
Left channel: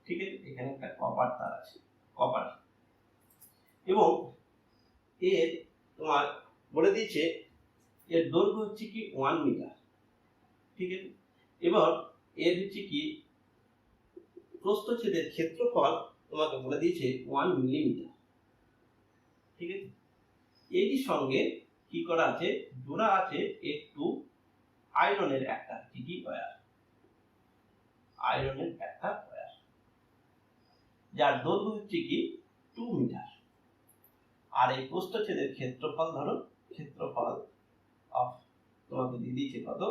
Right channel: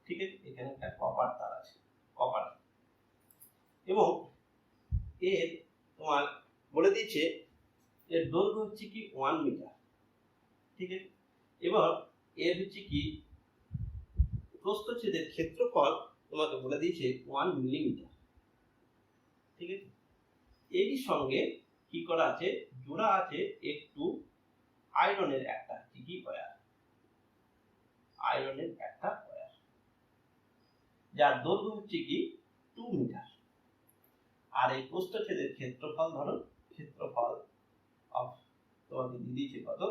ঠিক আছে, এখানে একটা কপার তার আছে, কপার, এবং এর তোমার বলে দিয়েছে এর দৈর্ঘ্য হচ্ছে কি 1 মিটার। ঠিক আছে, এবার এর হচ্ছে কি প্রস্থচ্ছেদের ক্ষেত্রফল তোমাকে বলে দিয়েছে 1 মিলিমিটার। ঠিক আছে, এরই সঙ্গে কি করা আছে, জোড়া আছে একটু আয়রনের একটা হচ্ছে কি ওয়্যার, আয়রনের একটা ওয়্যার, যার দৈর্ঘ্য হচ্ছে কি 2 মিটার। আর এই প্রস্থচ্ছেদের ক্ষেত্রফল ধরো, ক্ষেত্রফল অফ তোমাকে দিয়ে দিয়েছে কত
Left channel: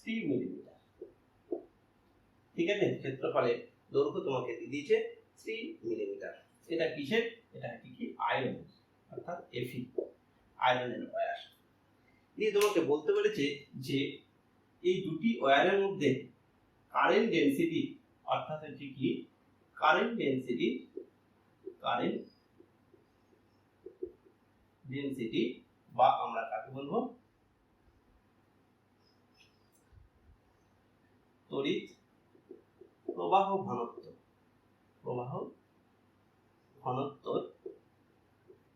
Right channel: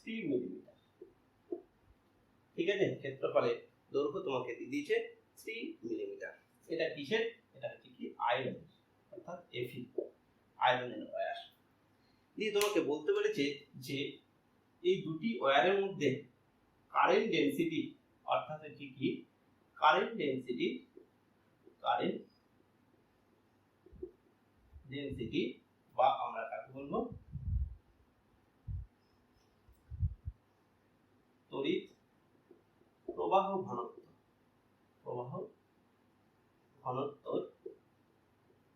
3 মিলিমিটার। ঠিক আছে, ক্ষেত্রফলের দৈর্ঘ্য তোমাকে দিয়ে দিয়েছে 3 মিলিমিটার। এটা কিসের, এটা হচ্ছে কি আয়রন, অর্থাৎ এফি, আয়রনের ওয়্যার। দিয়ে তোমাকে বলতে বলেছে যে এই দুটি ওয়্যারের মধ্যে কারেন্ট ডেনসিটি, অর্থাৎ হচ্ছে কি কারেন্ট ডেনসিটি, কারেন্ট ডেনসিটি বা আমরা কাকে বলবো তড়িৎ প্রবাহ ঘনত্ব, প্রবাহ ঘনত্বর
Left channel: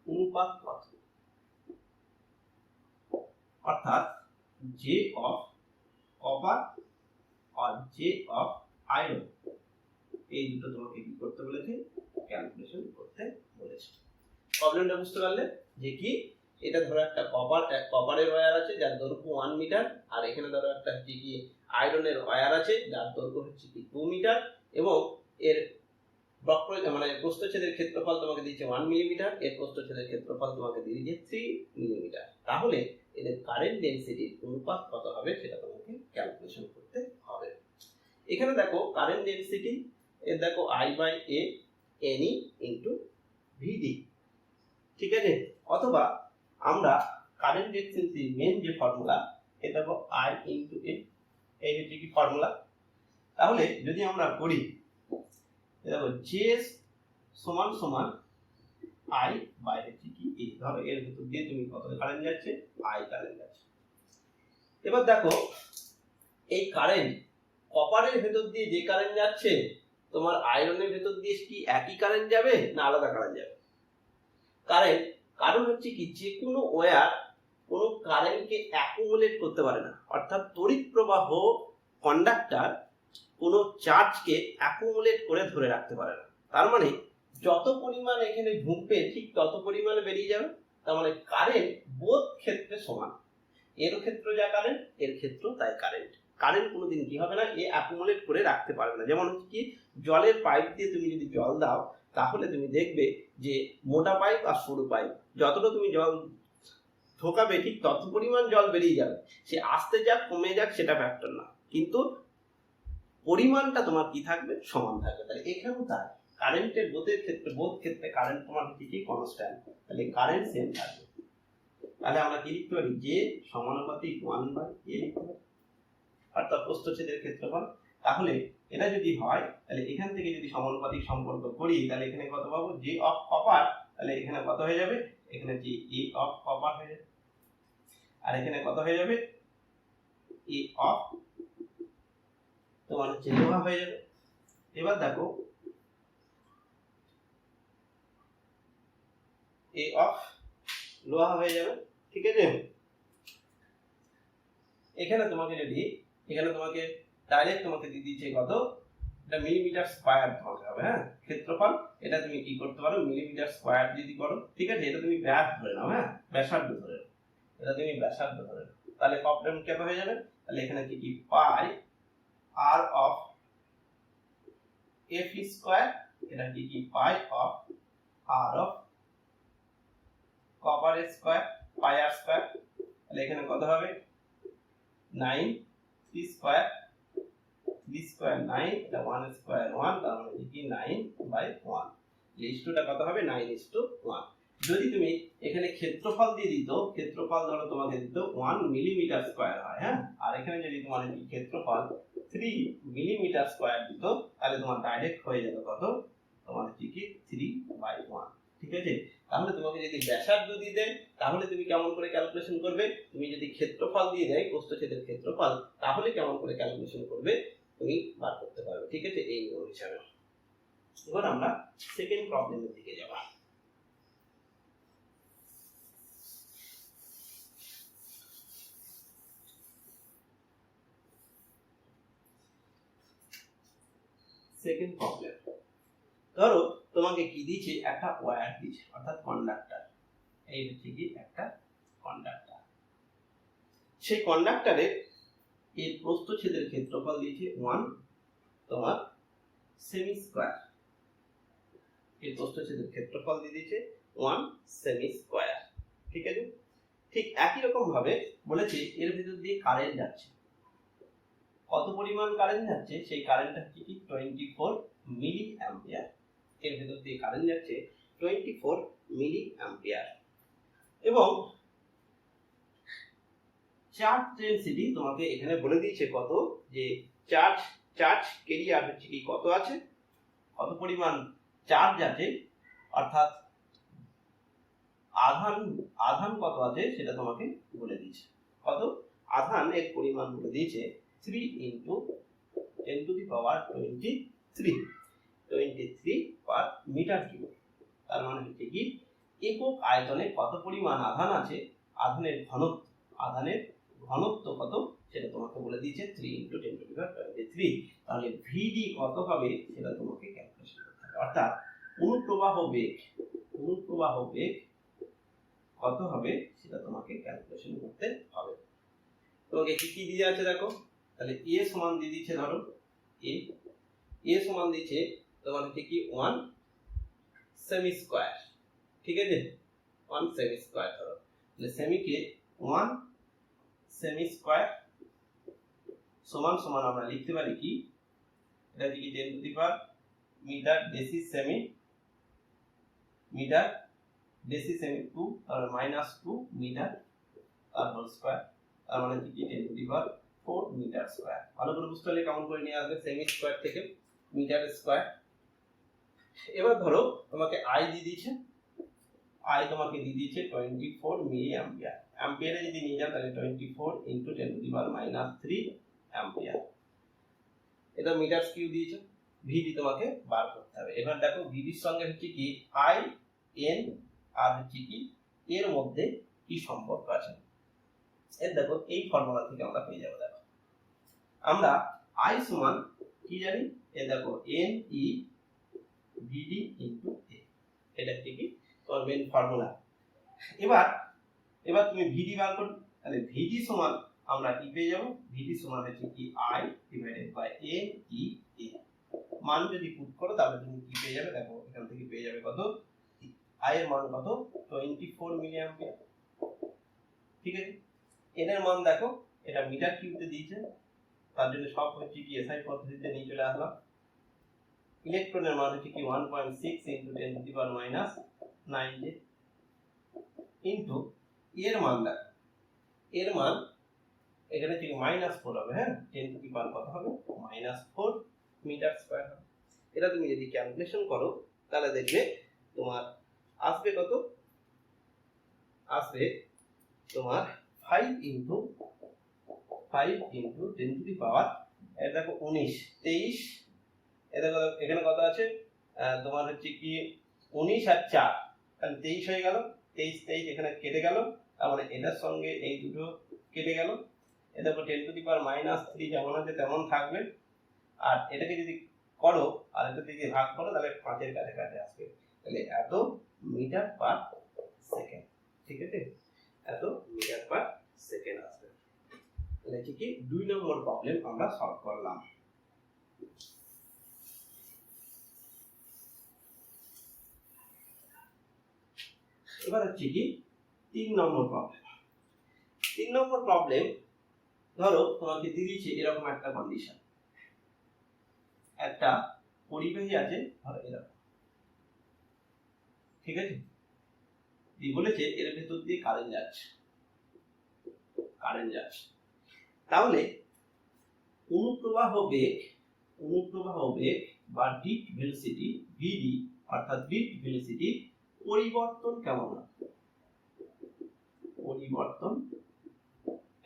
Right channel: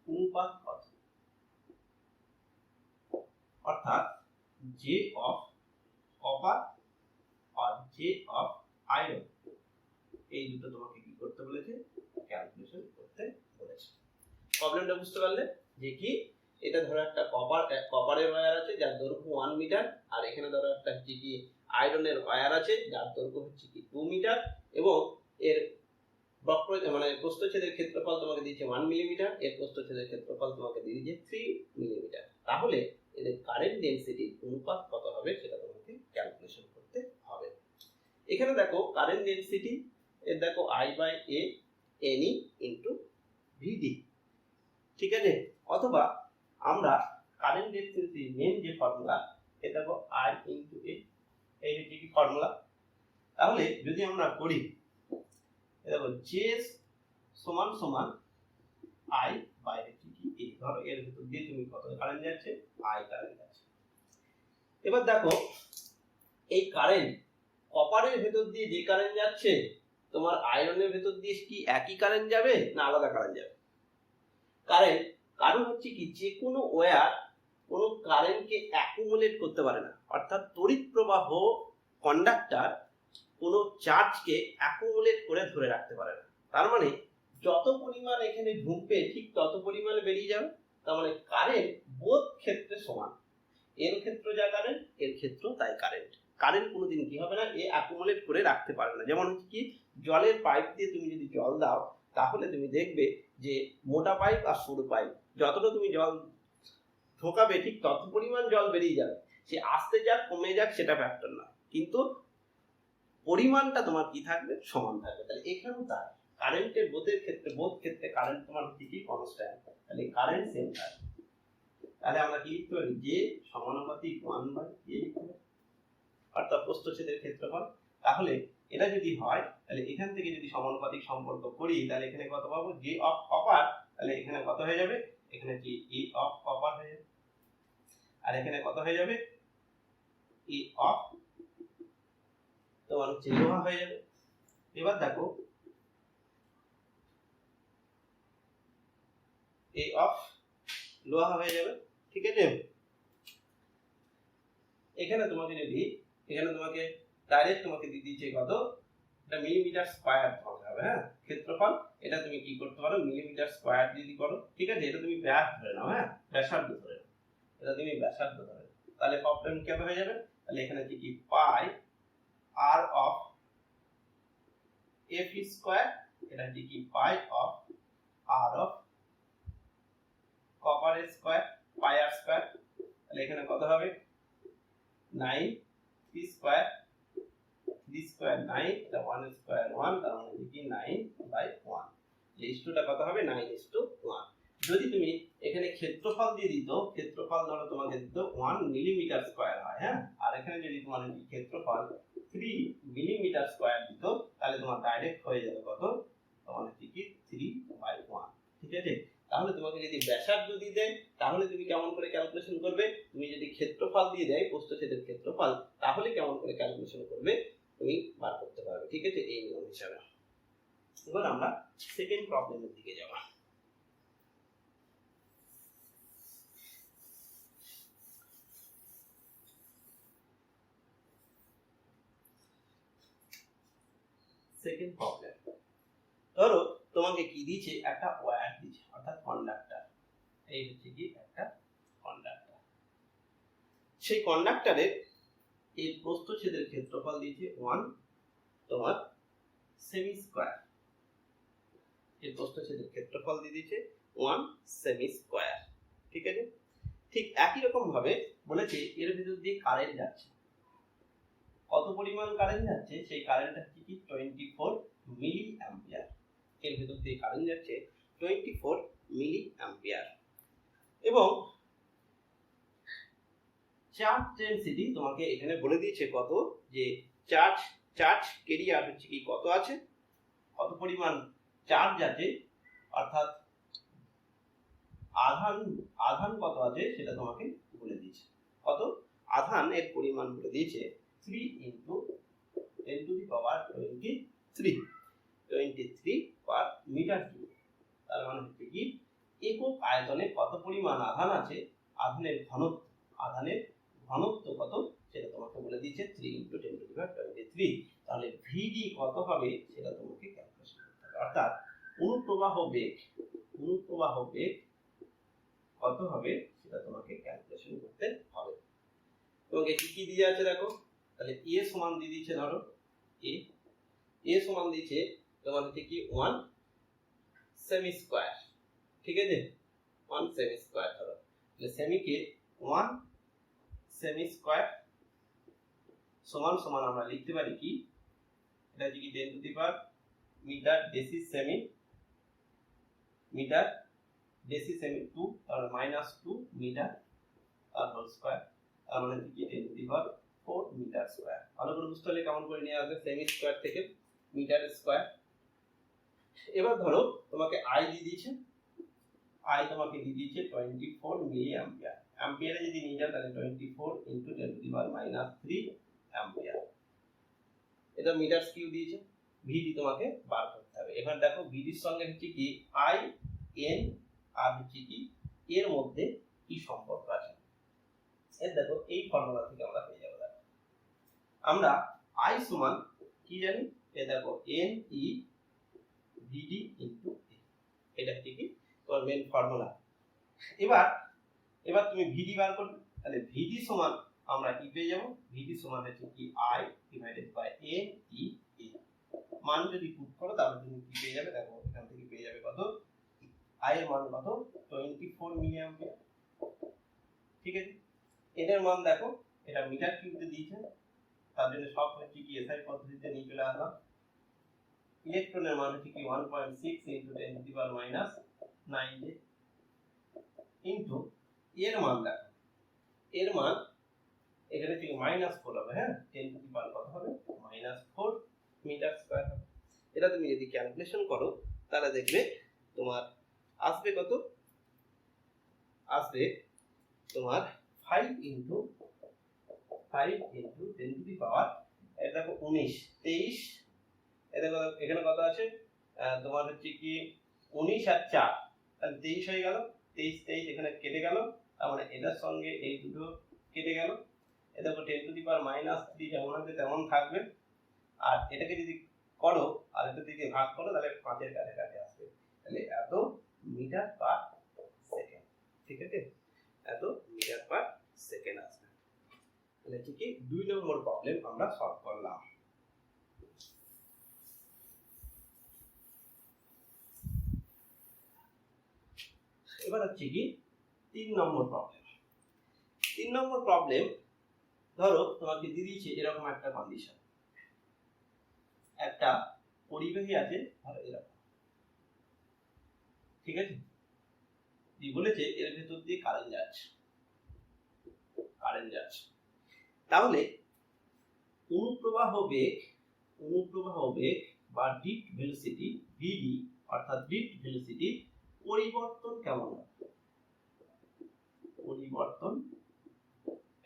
অনুপাত কত, অর্থাৎ জে অফ কপার আর জে অফ আয়রন, এই দুটো তোমাকে কি করতে বলেছে, ক্যালকুলেশন করতে বলেছে। প্রবলেমটা বুঝতে পারলে যে কি, এটা ধরো একটা কপারের ওয়্যার আছে যার দৈর্ঘ্য 1 মিটার, আর এখানে ধরো একটা হচ্ছে কি আয়রনের ওয়্যার আছে যার দৈর্ঘ্য হচ্ছে কি 2 মিটার, এবং এর বক্র মানে প্রস্থচ্ছেদের ক্ষেত্রফল তোমাকে দিয়েছে 1 মিলিমিটার, এর প্রস্থচ্ছেদের ক্ষেত্রফল তোমাকে দিয়ে দিয়েছে 3 মিলিমিটার। তাহলে এদের কারেন্ট ডেনসিটির অনুপাত কত হবে সেটা তোমাকে ক্যালকুলেশন করতে হবে। এখানে দেখো কারেন্ট ডেনসিটি, এর দেখো I by A NE into VD। ঠিক আছে, অথবা আমরা কারেন্ট ডেনসিটি মেন যে ফর্মুলা, এটা দেখো I ইনটু A, এই হচ্ছে কি ফর্মুলা। তাহলে যদি আমরা করি দেখো J সমান I বাই হচ্ছে কি A, ধরো এর ভিতর দিয়ে তুমি কত কারেন্ট যাচ্ছে, I কারেন্ট যাচ্ছে। এবার দেখো এই কারেন্ট কপারের ভেতর দিয়ে যে কারেন্ট যাচ্ছে, তোমার আয়রনের ভেতর দিয়ে কি একই কারেন্ট যাবে না আলাদা কারেন্ট যাবে? কারণ হচ্ছে কি যে কোনো ওয়্যার কোনো কারেন্টকে অ্যাকুমুলেট করতে পারে না, অর্থাৎ তড়িৎ প্রবাহ কন্ডাক্টর কোনো চার্জকে অ্যাকুমুলেট করে ধরে রাখতে পারে না। তার মানে যত পরিমাণ এখানে ঢুকবে ঠিক তত পরিমাণে বেরিয়ে যাবে। তার মানে কারেন্ট বোধ ক্ষেত্রে সমান, এর ক্ষেত্র যা কারেন্ট এর ক্ষেত্র তাই কারেন্ট। কারেন্ট কোনোদিন কি হবে না, এ অ্যাকুমুলেট করে রাখতে পারবে না। যেমন হচ্ছে কি জলের পাইপ দিয়ে তুমি যদি জল দাও তাহলে তুমি দেখবে যে মোটা পাইপ আর সরু পাইপ যতটা তুমি জল ঢোকাবে ঠিক তত পরিমাণ জল বেরিয়ে যাবে। সে আসতে যাক কমে যাক সেটা ফ্যাক্টর না, কিন্তু পরিমাণটা তোমার কি থাকবে, সমান থাকবে। তাহলে এখানেও তাই কারেন্টের বোধ ক্ষেত্রে কারেন্ট তোমার হচ্ছে কি কনস্ট্যান্ট, তাহলে কারেন্ট সেম থাকবে। তাহলে আমরা কি লিখতে পারি, যে সমানুপাতিক 1/a লিখতে পারি, অর্থাৎ প্রস্থচ্ছেদের ক্ষেত্রফল। তাহলে এটা যদি হয় তাহলে এখান থেকে যদি সমানুপাতিক সম্পর্ক করি তাহলে এখানে কত পাবো, যে অফ কপার, তাহলে এখানে কত হয়ে যাবে, এখানে যে এ অফ কপার হয়ে যাবে, আর এখানে কত হয়ে যাবে, এ অফ তোমার হচ্ছে লোহা হয়ে যাবে। এবার দেখো এ অফ লোহা হয়ে যাবে, ঠিক আছে। এখানে তোমাকে ডাইরেক্ট তোমাকে দিয়ে দিচ্ছে কত, এটা মিলিমিটার স্কয়ার তোমাকে হবে, হ্যাঁ ক্ষেত্রফল। এটা তুমি কি করতে পারো, মিলিমিটার স্কয়ার যদি করো, ঠিক আছে। এটা তুমি ব্যাস ধরে নাও, হ্যাঁ ব্যাসার্ধ ধরে নাও, এটা তুমি ব্যাসার্ধ ধরে নাও, তাহলে প্রবলেম কি হয়ে যাবে, তাহলে এখানে কি pi r of f square, এটা কি pi of r of copper square, pi r square, তাহলে এখানে কত হবে 9 3 স্কয়ার, 3 স্কয়ার 9, এটা 1 স্কয়ার 1, তার মানে কি 9/1, রেশিওটা কত হবে 9:1। যদি তুমি এখানে ক্ষেত্রফল দিয়ে দিত, ক্ষেত্রফল ধরো তোমাকে দিত 1 মিলিমিটার স্কয়ার হয়, হ্যাঁ, আর এখানে যদি তোমার ক্ষেত্রফল 3 মিলিমিটার স্কয়ার দিত তাহলে তোমার ডাইরেক্ট হয়ে যেত কত, তোমার কি 3/1, ঠিক আছে। তাহলে তোমাকে যদি ব্যাসার্ধ দিয়ে দেয় তাহলে তুমি কেমন করে ক্যালকুলেশন করবে, তুমি যদি ক্ষেত্রফল দিয়ে দেয় প্রস্থচ্ছেদের ক্ষেত্রফল তাহলে কেমন করে ক্যালকুলেশন করবে তুমি বার করতে পারবে, ঠিক আছে, এই নিয়ম হিসাবে। এবার আমরা সেকেন্ড প্রবলেমের দিকে যাব। সেকেন্ড প্রবলেম, ধরো তোমাকে কি দিয়েছে, একটা ওয়্যার দিয়েছে অর্থাৎ কন্ডাক্টর, এই হচ্ছে কি একটা কন্ডাক্টর। সেই কন্ডাক্টরের এই প্রস্থচ্ছেদের ক্ষেত্রফল দিয়েছে 1 তোমার সেমি স্কয়ার, এই প্রস্থচ্ছেদের ক্ষেত্রফল দিয়ে দিয়েছে 1 সেমি স্কয়ার, ঠিক আছে। ঠিক একই রকম ভাবে বলেছে এর ভিতর দিয়ে কারেন্ট যাচ্ছে, কত পরিমাণ কারেন্ট যাচ্ছে, সেই কারেন্টটা কি 24 মিলি অ্যাম্পিয়ার, এর ভিতর দিয়ে কারেন্ট যাচ্ছে 24 মিলি অ্যাম্পিয়ার। এবং চার্জ ডেনসিটি তোমাকে এখানে বলে দিয়েছে কত, যে চার্জ কেরিয়ার হচ্ছে কি কত আছে, কত পরিমাণ চার্জ আছে, অর্থাৎ আধান কত আছে সেটা তোমাকে বলে দিয়েছে। কত আধানের পরিমাণ বলে দিয়েছে 3 × 10⁻23 পার মিটার কিউব। তার মানে হচ্ছে কি একক আয়তনে কত পরিমাণ আধান আছে, আধানের ঘনত্ব কত সেটা তোমাকে বলে দিয়েছে 3 × 10⁻23। তাহলে ভিডি কত হবে সেটা তোমাকে ক্যালকুলেশন করতে হবে, অর্থাৎ অনুপ্রবাহ বেগ কত হবে সেটা তোমাকে ক্যালকুলেশন করতে হবে। তোমাকে কি দিয়ে আছে দেখো, তাহলে এ সমান দিয়ে দিয়েছে, ধরো এ সমান দিয়েছে তোমার হচ্ছে কি 1 সেমি স্কয়ার, ঠিক আছে, 1 সেমি স্কয়ার ধরো, তাহলে সেমিকে 1 সেমি স্কয়ার সমান সমান আমরা লিখতে পারি কি, এটা কি 10⁻, metre deci semi, metre deci semi 2, তাহলে -2 মিটার তার হোল স্কয়ার, তার মানে কি 10⁻4 মিটার স্কয়ার। ভালো করে বুঝতে হলে কেমন করে নিয়ে আসবে, সেমি স্কয়ার থেকে মিটার স্কয়ার। এবার ধরো তোমাকে আই দিয়ে দিয়েছে, তোমাকে দিয়ে দিয়েছে 24 মিলি অ্যাম্পিয়ার, অ্যাম্পিয়ারে যদি নিয়ে যাও তাহলে 24 × 10⁻³ অ্যাম্পিয়ার। এটা মিটার কিউ দিয়েছে, ভিডি তোমাকে বার করতে হবে। এবার দেখো ভিডির সঙ্গে হচ্ছে কি আই এন আর হচ্ছে কি এর মধ্যে কি সম্পর্ক আছে, এর দেখো এই ফর্মুলা থেকে আমরা পেয়ে যাবো। দেখো আমরা আই সমান কি জানি, এ দেখো এন ই ভিডি ইন্টু এ, এটা হচ্ছে কি তোমার মেন ফর্মুলা। এবার এবার তুমি ভিডি বার করবে, তাহলে ভিডি সমান আমরা কি পেয়ে যাবো, ভিডি সমান হচ্ছে কি I divided by N E A. মান যদি পুট করো তাহলে তুমি কি পেয়ে যাবে, দেখো এখান থেকে পেয়ে যাবে কত, আই এর মান কত 24 মিলি অ্যাম্পিয়ার। ঠিক আছে, এটার মান দেখো এটা মিটার কিউবে দিয়েছে, তার জন্য সব হচ্ছে কি এসআই পদ্ধতিতে নিয়ে চলে আসলাম। ইলেকট্রনের মান হচ্ছে কি 1.6 into 10 to the power minus 9 J into এর মান দেখো, এর মান এখানে থেকে -4 হবে, হ্যাঁ 10 টু দি পাওয়ার কত হবে -4 মিটার স্কয়ার হবে। এটা তুমি যদি ক্যালকুলেশন করো তাহলে দেখবে তোমার আসবে কত, আসবে তোমার 5 ইনটু 10 টু দি পাওয়ার, এটা দেখো 19 23, এটা দেখো এখানে কত আছে তোমার হচ্ছে কি 19 আর 4, তাহলে 23 হয়ে গেল, 23 এখানে কেটে গেল, তার মানে এটার সঙ্গে এই দুটো কেটে গেল। এ দেখো 10 টু দি পাওয়ার -3 যেমন আছে তেমন থাকবে, আর এটাকে যদি করো আর এটা থেকে ভাগ করো তাহলে 5 এর কাছাকাছি আসবে, তাহলে এত মিটার পার সেকেন্ড। ঠিক আছে, এত মিটার পার সেকেন্ড আসবে। তাহলে হচ্ছে কি 2 নম্বর প্রবলেম আমরা সলভ করলাম। এবার হচ্ছে কি 3 নম্বর প্রবলেম। 3 নম্বর প্রবলেম, ধরো তোমাকে দিয়ে দিয়েছে এরকম একটা কন্ডিশন, একটা পরিবাহী আছে ধরো এরকম, ঠিক আছে, দিয়ে বলেছে এর ভেতর দিয়ে কারেন্ট যাচ্ছে, তাহলে অনুপ্রবাহ বেগ বা ড্রিফট ভেলোসিটি ভিডি, অর্থাৎ ড্রিফট ভেলোসিটি পরিবর্তন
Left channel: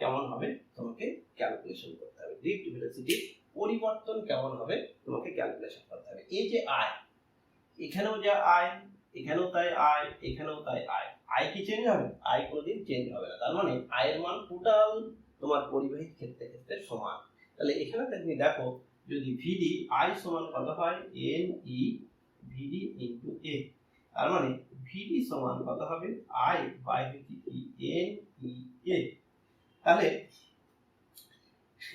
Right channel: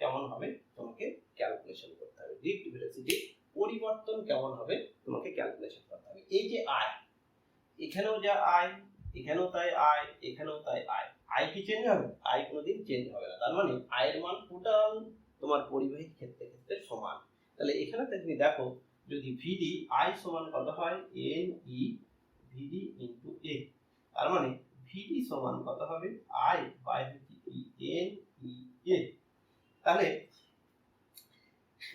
কেমন হবে তোমাকে ক্যালকুলেশন করতে হবে। ড্রিফট ভেলোসিটি পরিবর্তন কেমন হবে তোমাকে ক্যালকুলেশন করতে হবে। এই যে আই, এখানেও যা আই, এখানেও তাই আই, এখানেও তাই আই, আই কি চেঞ্জ হবে? আই কোনোদিন চেঞ্জ হবে না। তার মানে আই এর মান টোটাল তোমার পরিবাহী ক্ষেত্রে সমান। তাহলে এখানে তুমি দেখো যদি ভিডি আই সমান কত হয় N E VD into a, তার মানে ভিডি সমান কত হবে আই বাই হচ্ছে কি এন ই এ। তাহলে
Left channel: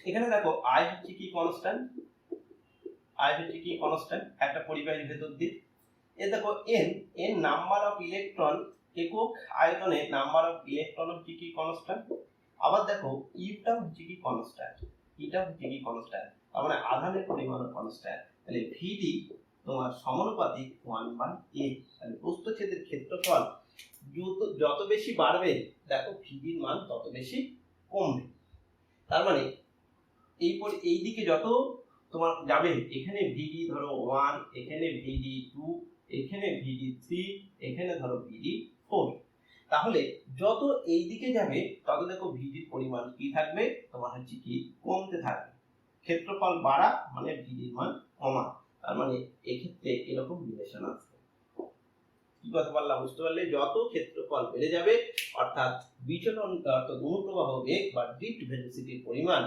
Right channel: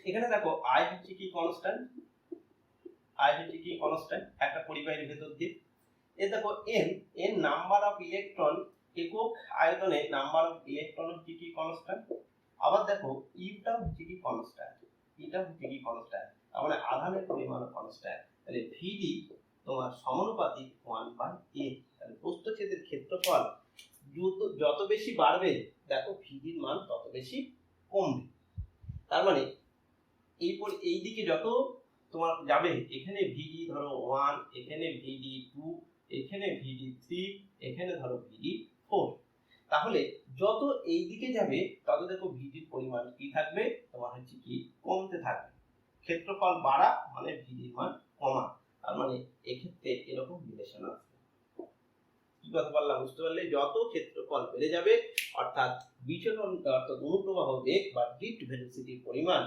এখানে দেখো আই হচ্ছে কি কনস্ট্যান্ট, একটা পরিবাহীর ভেতর দিয়ে। এ দেখো এন নাম্বার অফ ইলেকট্রন, একক আয়তনে নাম্বার অফ ইলেকট্রন হচ্ছে কি কনস্ট্যান্ট। আবার দেখো ইটা হচ্ছে কি কনস্ট্যান্ট, তার মানে আধানের পরিমাণও কনস্ট্যান্ট। তাহলে ভিডি তোমার সমানুপাতিক 1/a। তাহলে প্রস্থচ্ছেদের ক্ষেত্রফল যত বেশি বাড়বে দেখো ভিডির মান তত বেশি কমবে। তার মানে এই দিকে যত তোমার যাবে, এখানে ভিডি ধরো 1, এখানে ভিডি 2, এখানে ভিডি 3, এখানে ধরো ভিডি 4, তাহলে যত এই দিকে যাবে তত দেখো ভিডির পরিমাণ কি থাকবে তোমার হচ্ছে কি কমতে থাকবে। ক্ষেত্রফল বাড়া মানে ভিডির মান কমা, তার মানে এক্ষেত্রে এরকম রিলেশন আসবে। কি কথা বললাম বুঝতে পারলে? যত ক্ষেত্রফল বেড়ে যাবে অর্থাৎ বিচলন অর্থাৎ অনুপ্রবাহ বেগ বা ড্রিফট ভেলোসিটির পরিমাণ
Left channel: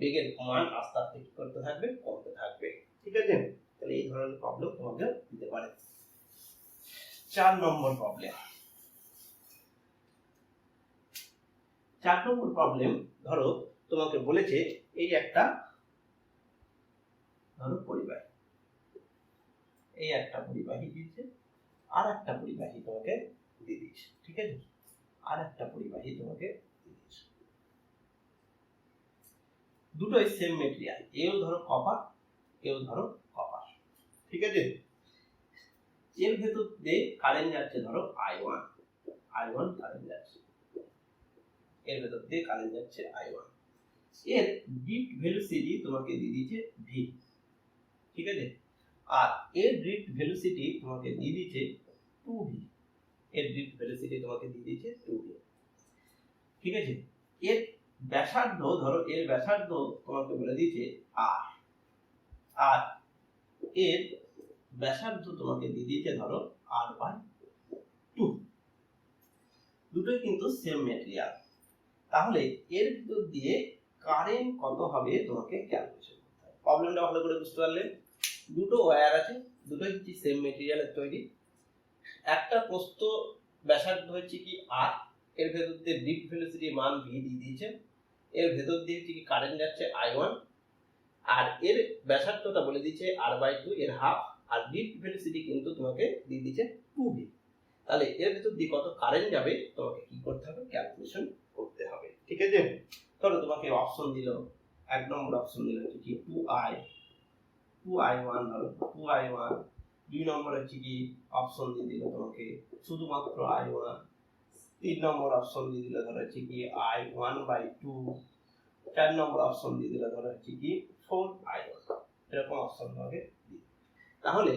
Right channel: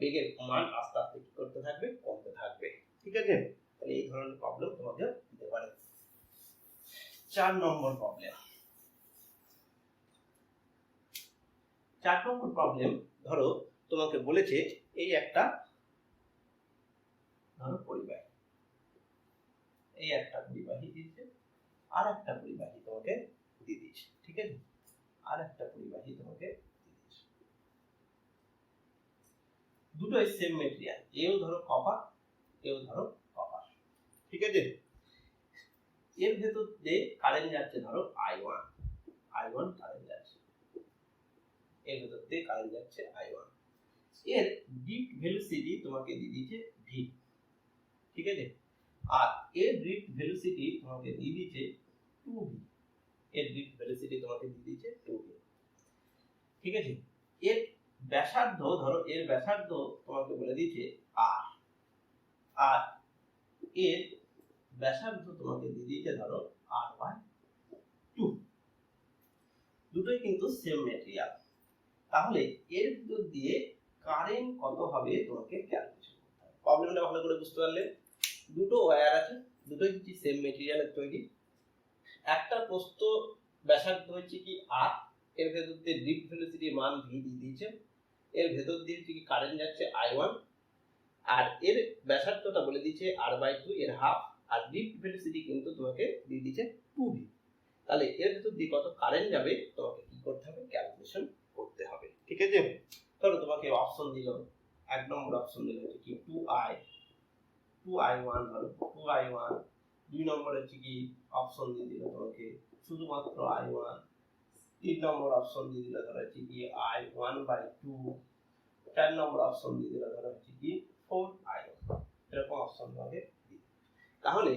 বেগের মান আস্তে আস্তে কি করতে থাকবে কমতে থাকবে। ঠিক আছে, তাহলে এই ধরনের প্রবলেম তোমাদের দিতে পারে। 4 নম্বর প্রবলেম, ধরো তোমাকে বলেছে এই একটা ধরো পরিবাহী, এই একটা পরিবাহী দিয়েছে, আর একটা পরিবাহী তোমাকে দিয়ে দিয়েছে। ঠিক আছে, আর একটা পরিবাহী তোমাকে দিয়ে দিয়েছে, দুটোই সেম মেটেরিয়াল, এও ধরো কপার, এও ধরো কপার। ঠিক আছে, এর ভেতর দিয়ে কারেন্ট যাচ্ছে ধরো I1 কারেন্ট যাচ্ছে, এর ভেতর দিয়ে কারেন্ট যাচ্ছে I1। এর ড্রিফট ভেলোসিটি তোমাকে দিয়ে দিয়েছে v। ঠিক আছে, আর এর ড্রিফট ভেলোসিটি তোমাকে দিয়ে দিয়েছে 2v, এর ড্রিফট ভেলোসিটি তোমাকে দিয়ে দিয়েছে 2v। ঠিক আছে, এর ব্যাসার্ধ ধরো, এর ব্যাসার্ধ তোমাকে বলে দিয়েছে r, আর এর ব্যাসার্ধ তোমাকে দিয়ে দিয়েছে ধরো r/2, দুটোই কিন্তু সেম মেটেরিয়াল। তাহলে এর ভিতর দিয়ে কারেন্ট কত হবে তোমাকে ক্যালকুলেশন করতে হবে। প্রবলেমটা ভালো করে বুঝতে পারলেন। দুটো ওয়্যার আছে, দুটোই হচ্ছে সেম মেটেরিয়ালের তৈরি। একটা প্রস্থ ব্যাসার্ধ হচ্ছে কি আর, এর ভেতর দিয়ে ডিপ ভেলোসিটি মান ভি দিয়ে দিয়েছে, এর ভেতর দিয়ে হচ্ছে কি কারেন্ট যাচ্ছে I1, আর এর ব্যাসার্ধটা বলে দিচ্ছে r/2 এর হাফ, আর ডিপ ভেলোসিটি কিন্তু তোমাকে দিয়ে দিচ্ছে 2v। তাহলে এর ভেতর দিয়ে কত কারেন্ট যাবে তোমাকে কি করতে হবে, ক্যালকুলেশন করতে হবে। ঠিক আছে, ধরো তোমাকে অপশন দিল, এক নম্বর অপশন দিল হচ্ছে কি 2i1, ধরো 2i1। দুই নম্বর হচ্ছে কি অপশন দিয়ে দিল তোমাকে শুধুমাত্র I1। তিন নম্বর অপশন দিয়ে দিল ধরো হচ্ছে কি I1/2। চার নম্বর অপশন দিয়ে দিল ধরো হচ্ছে কি 4i1। এরকম অপশন তোমাকে দিই। তাহলে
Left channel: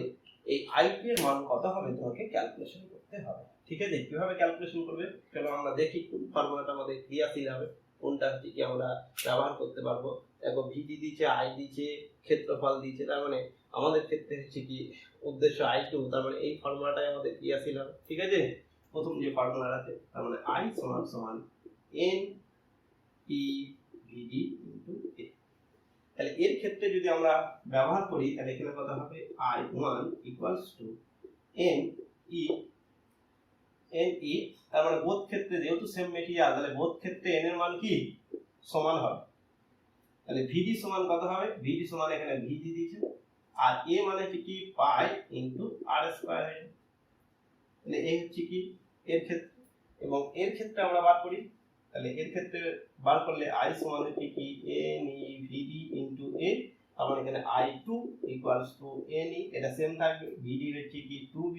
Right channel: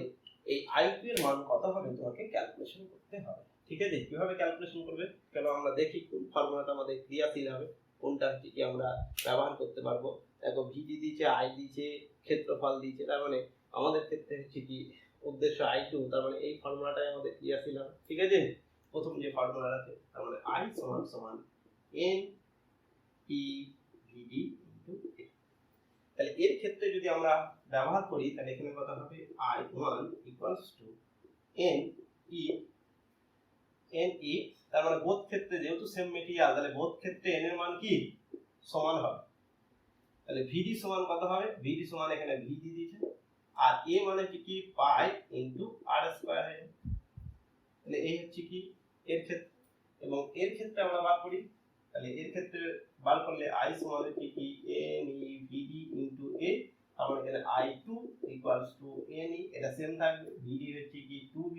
এই I2 এর মান কত হবে তোমাকে ক্যালকুলেশন করতে হবে। ঠিক আছে, কিভাবে ক্যালকুলেশন করবে চলো আমরা দেখি কোন ফর্মুলাটা আমাদের ক্রিয়াশীল হবে, কোনটা হচ্ছে কি আমরা ব্যবহার করতে পারবো। দেখো ভিডি দিয়েছে, আই দিয়েছে, ক্ষেত্রফল দিয়েছে, তার মানে আমাদের ক্ষেত্রে হচ্ছে কি উদ্দেশ্য I2, তার মানে এই ফর্মুলাটাই আমাদের ক্রিয়াশীল হবে। ঠিক আছে, প্রথম যে ফর্মুলা আছে তার মানে I সমান n e vd into a। তাহলে এর ক্ষেত্রে যদি আমরা ব্যবহার করি তাহলে এখানে কত হবে I1 equals to n e, তার মানে বোধ ক্ষেত্রে যেহেতু সেম মেটেরিয়াল, তাহলে বোধ ক্ষেত্রে n এর মান কি সমান হবে। তাহলে vd সমান কত হবে, vd সমান এখানে v দিয়ে দিয়েছে, আর a মানে হচ্ছে কি পাই ইনটু r স্কয়ার হয়। তাহলে এই হচ্ছে কি এর ক্ষেত্রে, এবং এর ক্ষেত্রে আমরা বার করি, তাহলে এর ক্ষেত্রে বার করলে I সমান হচ্ছে কি n e vd into a, তার মানে এখানে I2 equals to n e, এটা সেম থাকবে, vd হচ্ছে কি 2v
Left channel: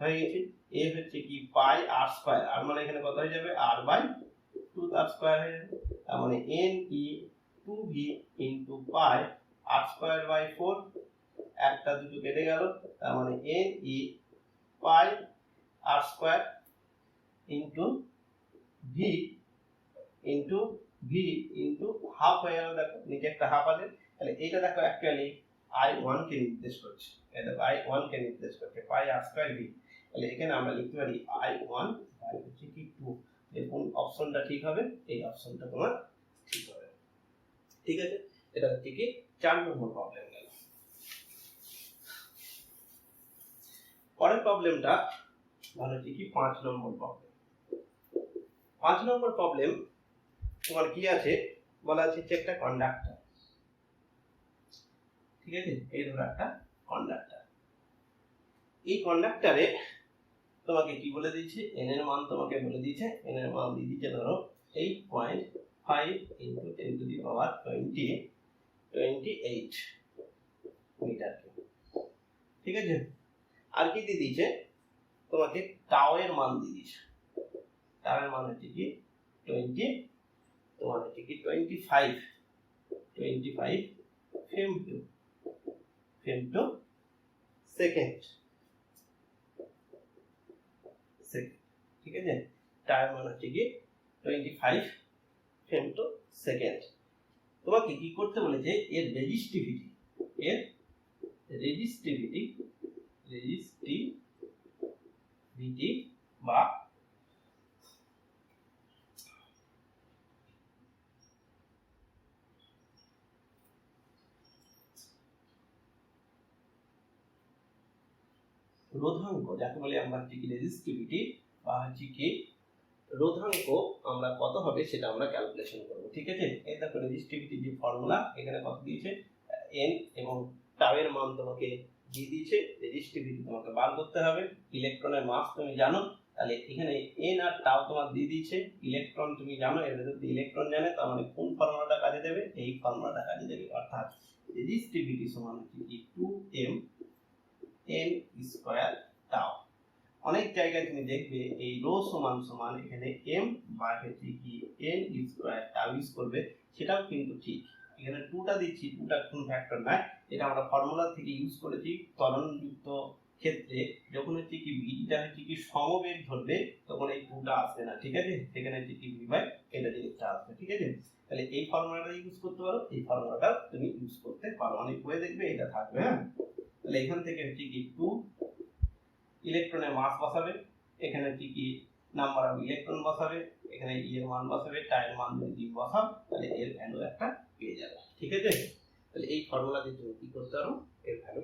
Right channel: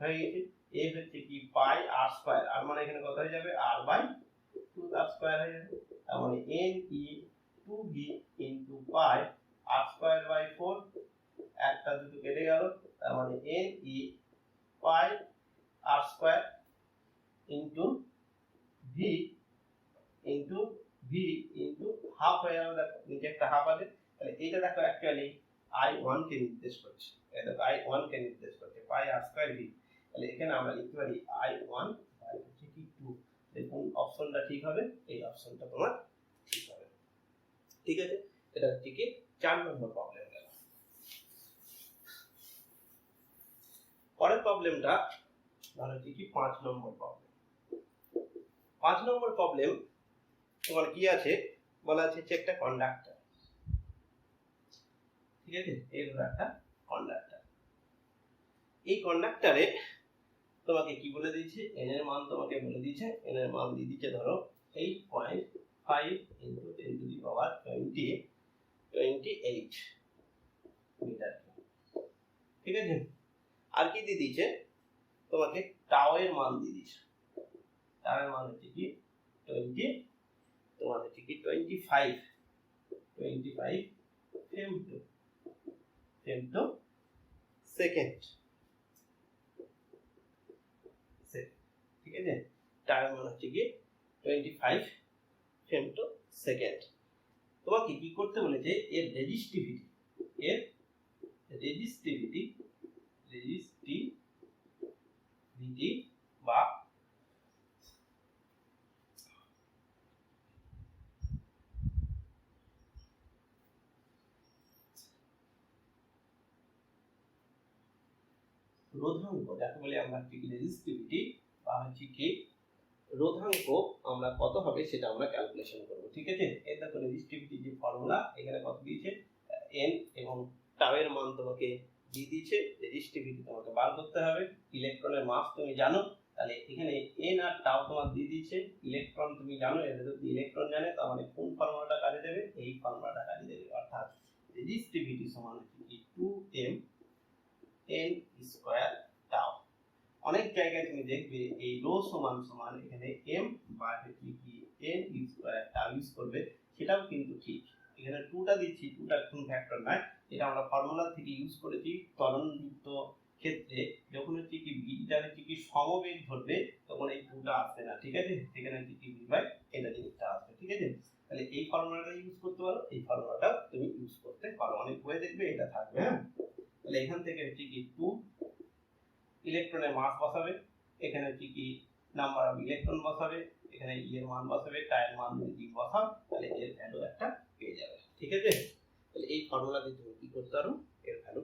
হয়ে গেছে, a হচ্ছে কি পাই r স্কয়ার, আর মানে এখানে কত হয়ে যাবে r/2 তার স্কয়ার হয়ে যাবে, তার মানে n e 2v into pi r square by 4, একটা দুটো কেটে গেল, তার মানে n e pi r square into v into half হয়ে গেল, দেখো নিচে একটা হাফ আছে। তাহলে এইটা দেখো অ্যাকচুয়ালি I1 কে নির্দেশ করছে, এই দেখো I1 কে নির্দেশ করছে পাই r স্কয়ার v। তাহলে এখানে আমরা লিখতে পারি I1 বাই হচ্ছে কি 2। দেখুন অপশনটা ঠিক হবে, এই অপশনটা তোমার ঠিক হবে। ঠিক আছে, এটা হচ্ছে কি 4 নম্বর প্রবলেম গেল। পরের প্রবলেমটা ধরো হচ্ছে কি 5 নম্বর প্রবলেম। 5 নম্বর প্রবলেম তোমার কি আছে, বলা আছে যে একটা কন্ডাক্টর। ঠিক আছে, এই ধরো একটা কন্ডাক্টর, এই কন্ডাক্টরে তোমাকে কি বলে দিয়েছে, n এর মান তোমাকে বলে দিয়েছে, n এর মান দিয়ে দিয়েছে ধরো 8.5 into 10 to the power 28 metre. ঠিক আছে, আর কি দিয়ে দিয়েছে তোমাকে, টাও এর মান দিয়ে দিয়েছে, টাও এর মান হচ্ছে কি 20, তোমার হচ্ছে কি 25 femto সেকেন্ড। ঠিক আছে, টাইম মান হচ্ছে কি 25 ফেমটো সেকেন্ড। তোমাকে কি করতে বলেছে, এর রেজিস্টিভিটি বা রোধাঙ্ক, যাকে বলে আমরা হচ্ছে কি রেজিস্টিভিটি বা হচ্ছে কি রোধাঙ্ক আমরা কত হবে সেটা আমরা ক্যালকুলেশন করব। ঠিক আছে, এই দেখো রেজিস্টিভিটি যে ফর্মুলা, এখানে কত দিয়েছে n, এবং টাউ এর মান তোমাকে দিয়ে দিয়েছে, রেজিস্টিভিটি তোমাকে বার করতে হবে। ইলেকট্রনের মাস তুমি জানো, তাহলে এখানে n আর টাউ তোমার দিয়ে দিয়েছে, ইলেকট্রন তুমি জানো, এর ভেতর দিয়ে ইলেকট্রন জানে, তার মানে কোন ফর্মুলাটা কাজে দেবে, এই ফর্মুলাটা কাজে দেবে, অর্থাৎ রেজিস্টিভিটি সমান হচ্ছে কি 2m n স্কয়ার টাউ। অনেক জায়গায় তুমি দেখবে এই রো সমান এখানে m বা হচ্ছে কি n স্কয়ার টাউ ইউজ করবে, সেটাও কিন্তু ঠিক। এখানে 2টা দিচ্ছি, 2টা কোন ফ্যাক্টর না, এটা আমরা ফর্মুলা থেকে ইউজ করেছি ত্বরণযুক্ত ক্ষেত্রে, যখন হচ্ছে কি ভিটা হচ্ছে কি সমবেগ ধরবে তখন এই 2টা আসবে না। ঠিক আছে, এখানে হচ্ছে কি v বাই এটা জিনিসটা আসবে। ঠিক আছে, তাহলে এই ফর্মুলাটা ইউজ করতে পারো, এই ফর্মুলাটা তুমি ইউজ করতে পারো, অনেক বই দেখবে এটা থাকবে। হ্যাঁ, তাহলে এখান থেকে হচ্ছে কি 2 ইলেকট্রনের মাস বসাবে, এখানে হচ্ছে কি নাম্বার অফ ইলেকট্রন বসাবে, এখানে ই এর মান বসাবে, টাই এর মান যদি বসাও তাহলে এর ভ্যালু একটা পেয়ে যাবে। ঠিক আছে, তাহলে এই ফর্মুলা দিয়ে তুমি কি করতে পারো, এর ভ্যালু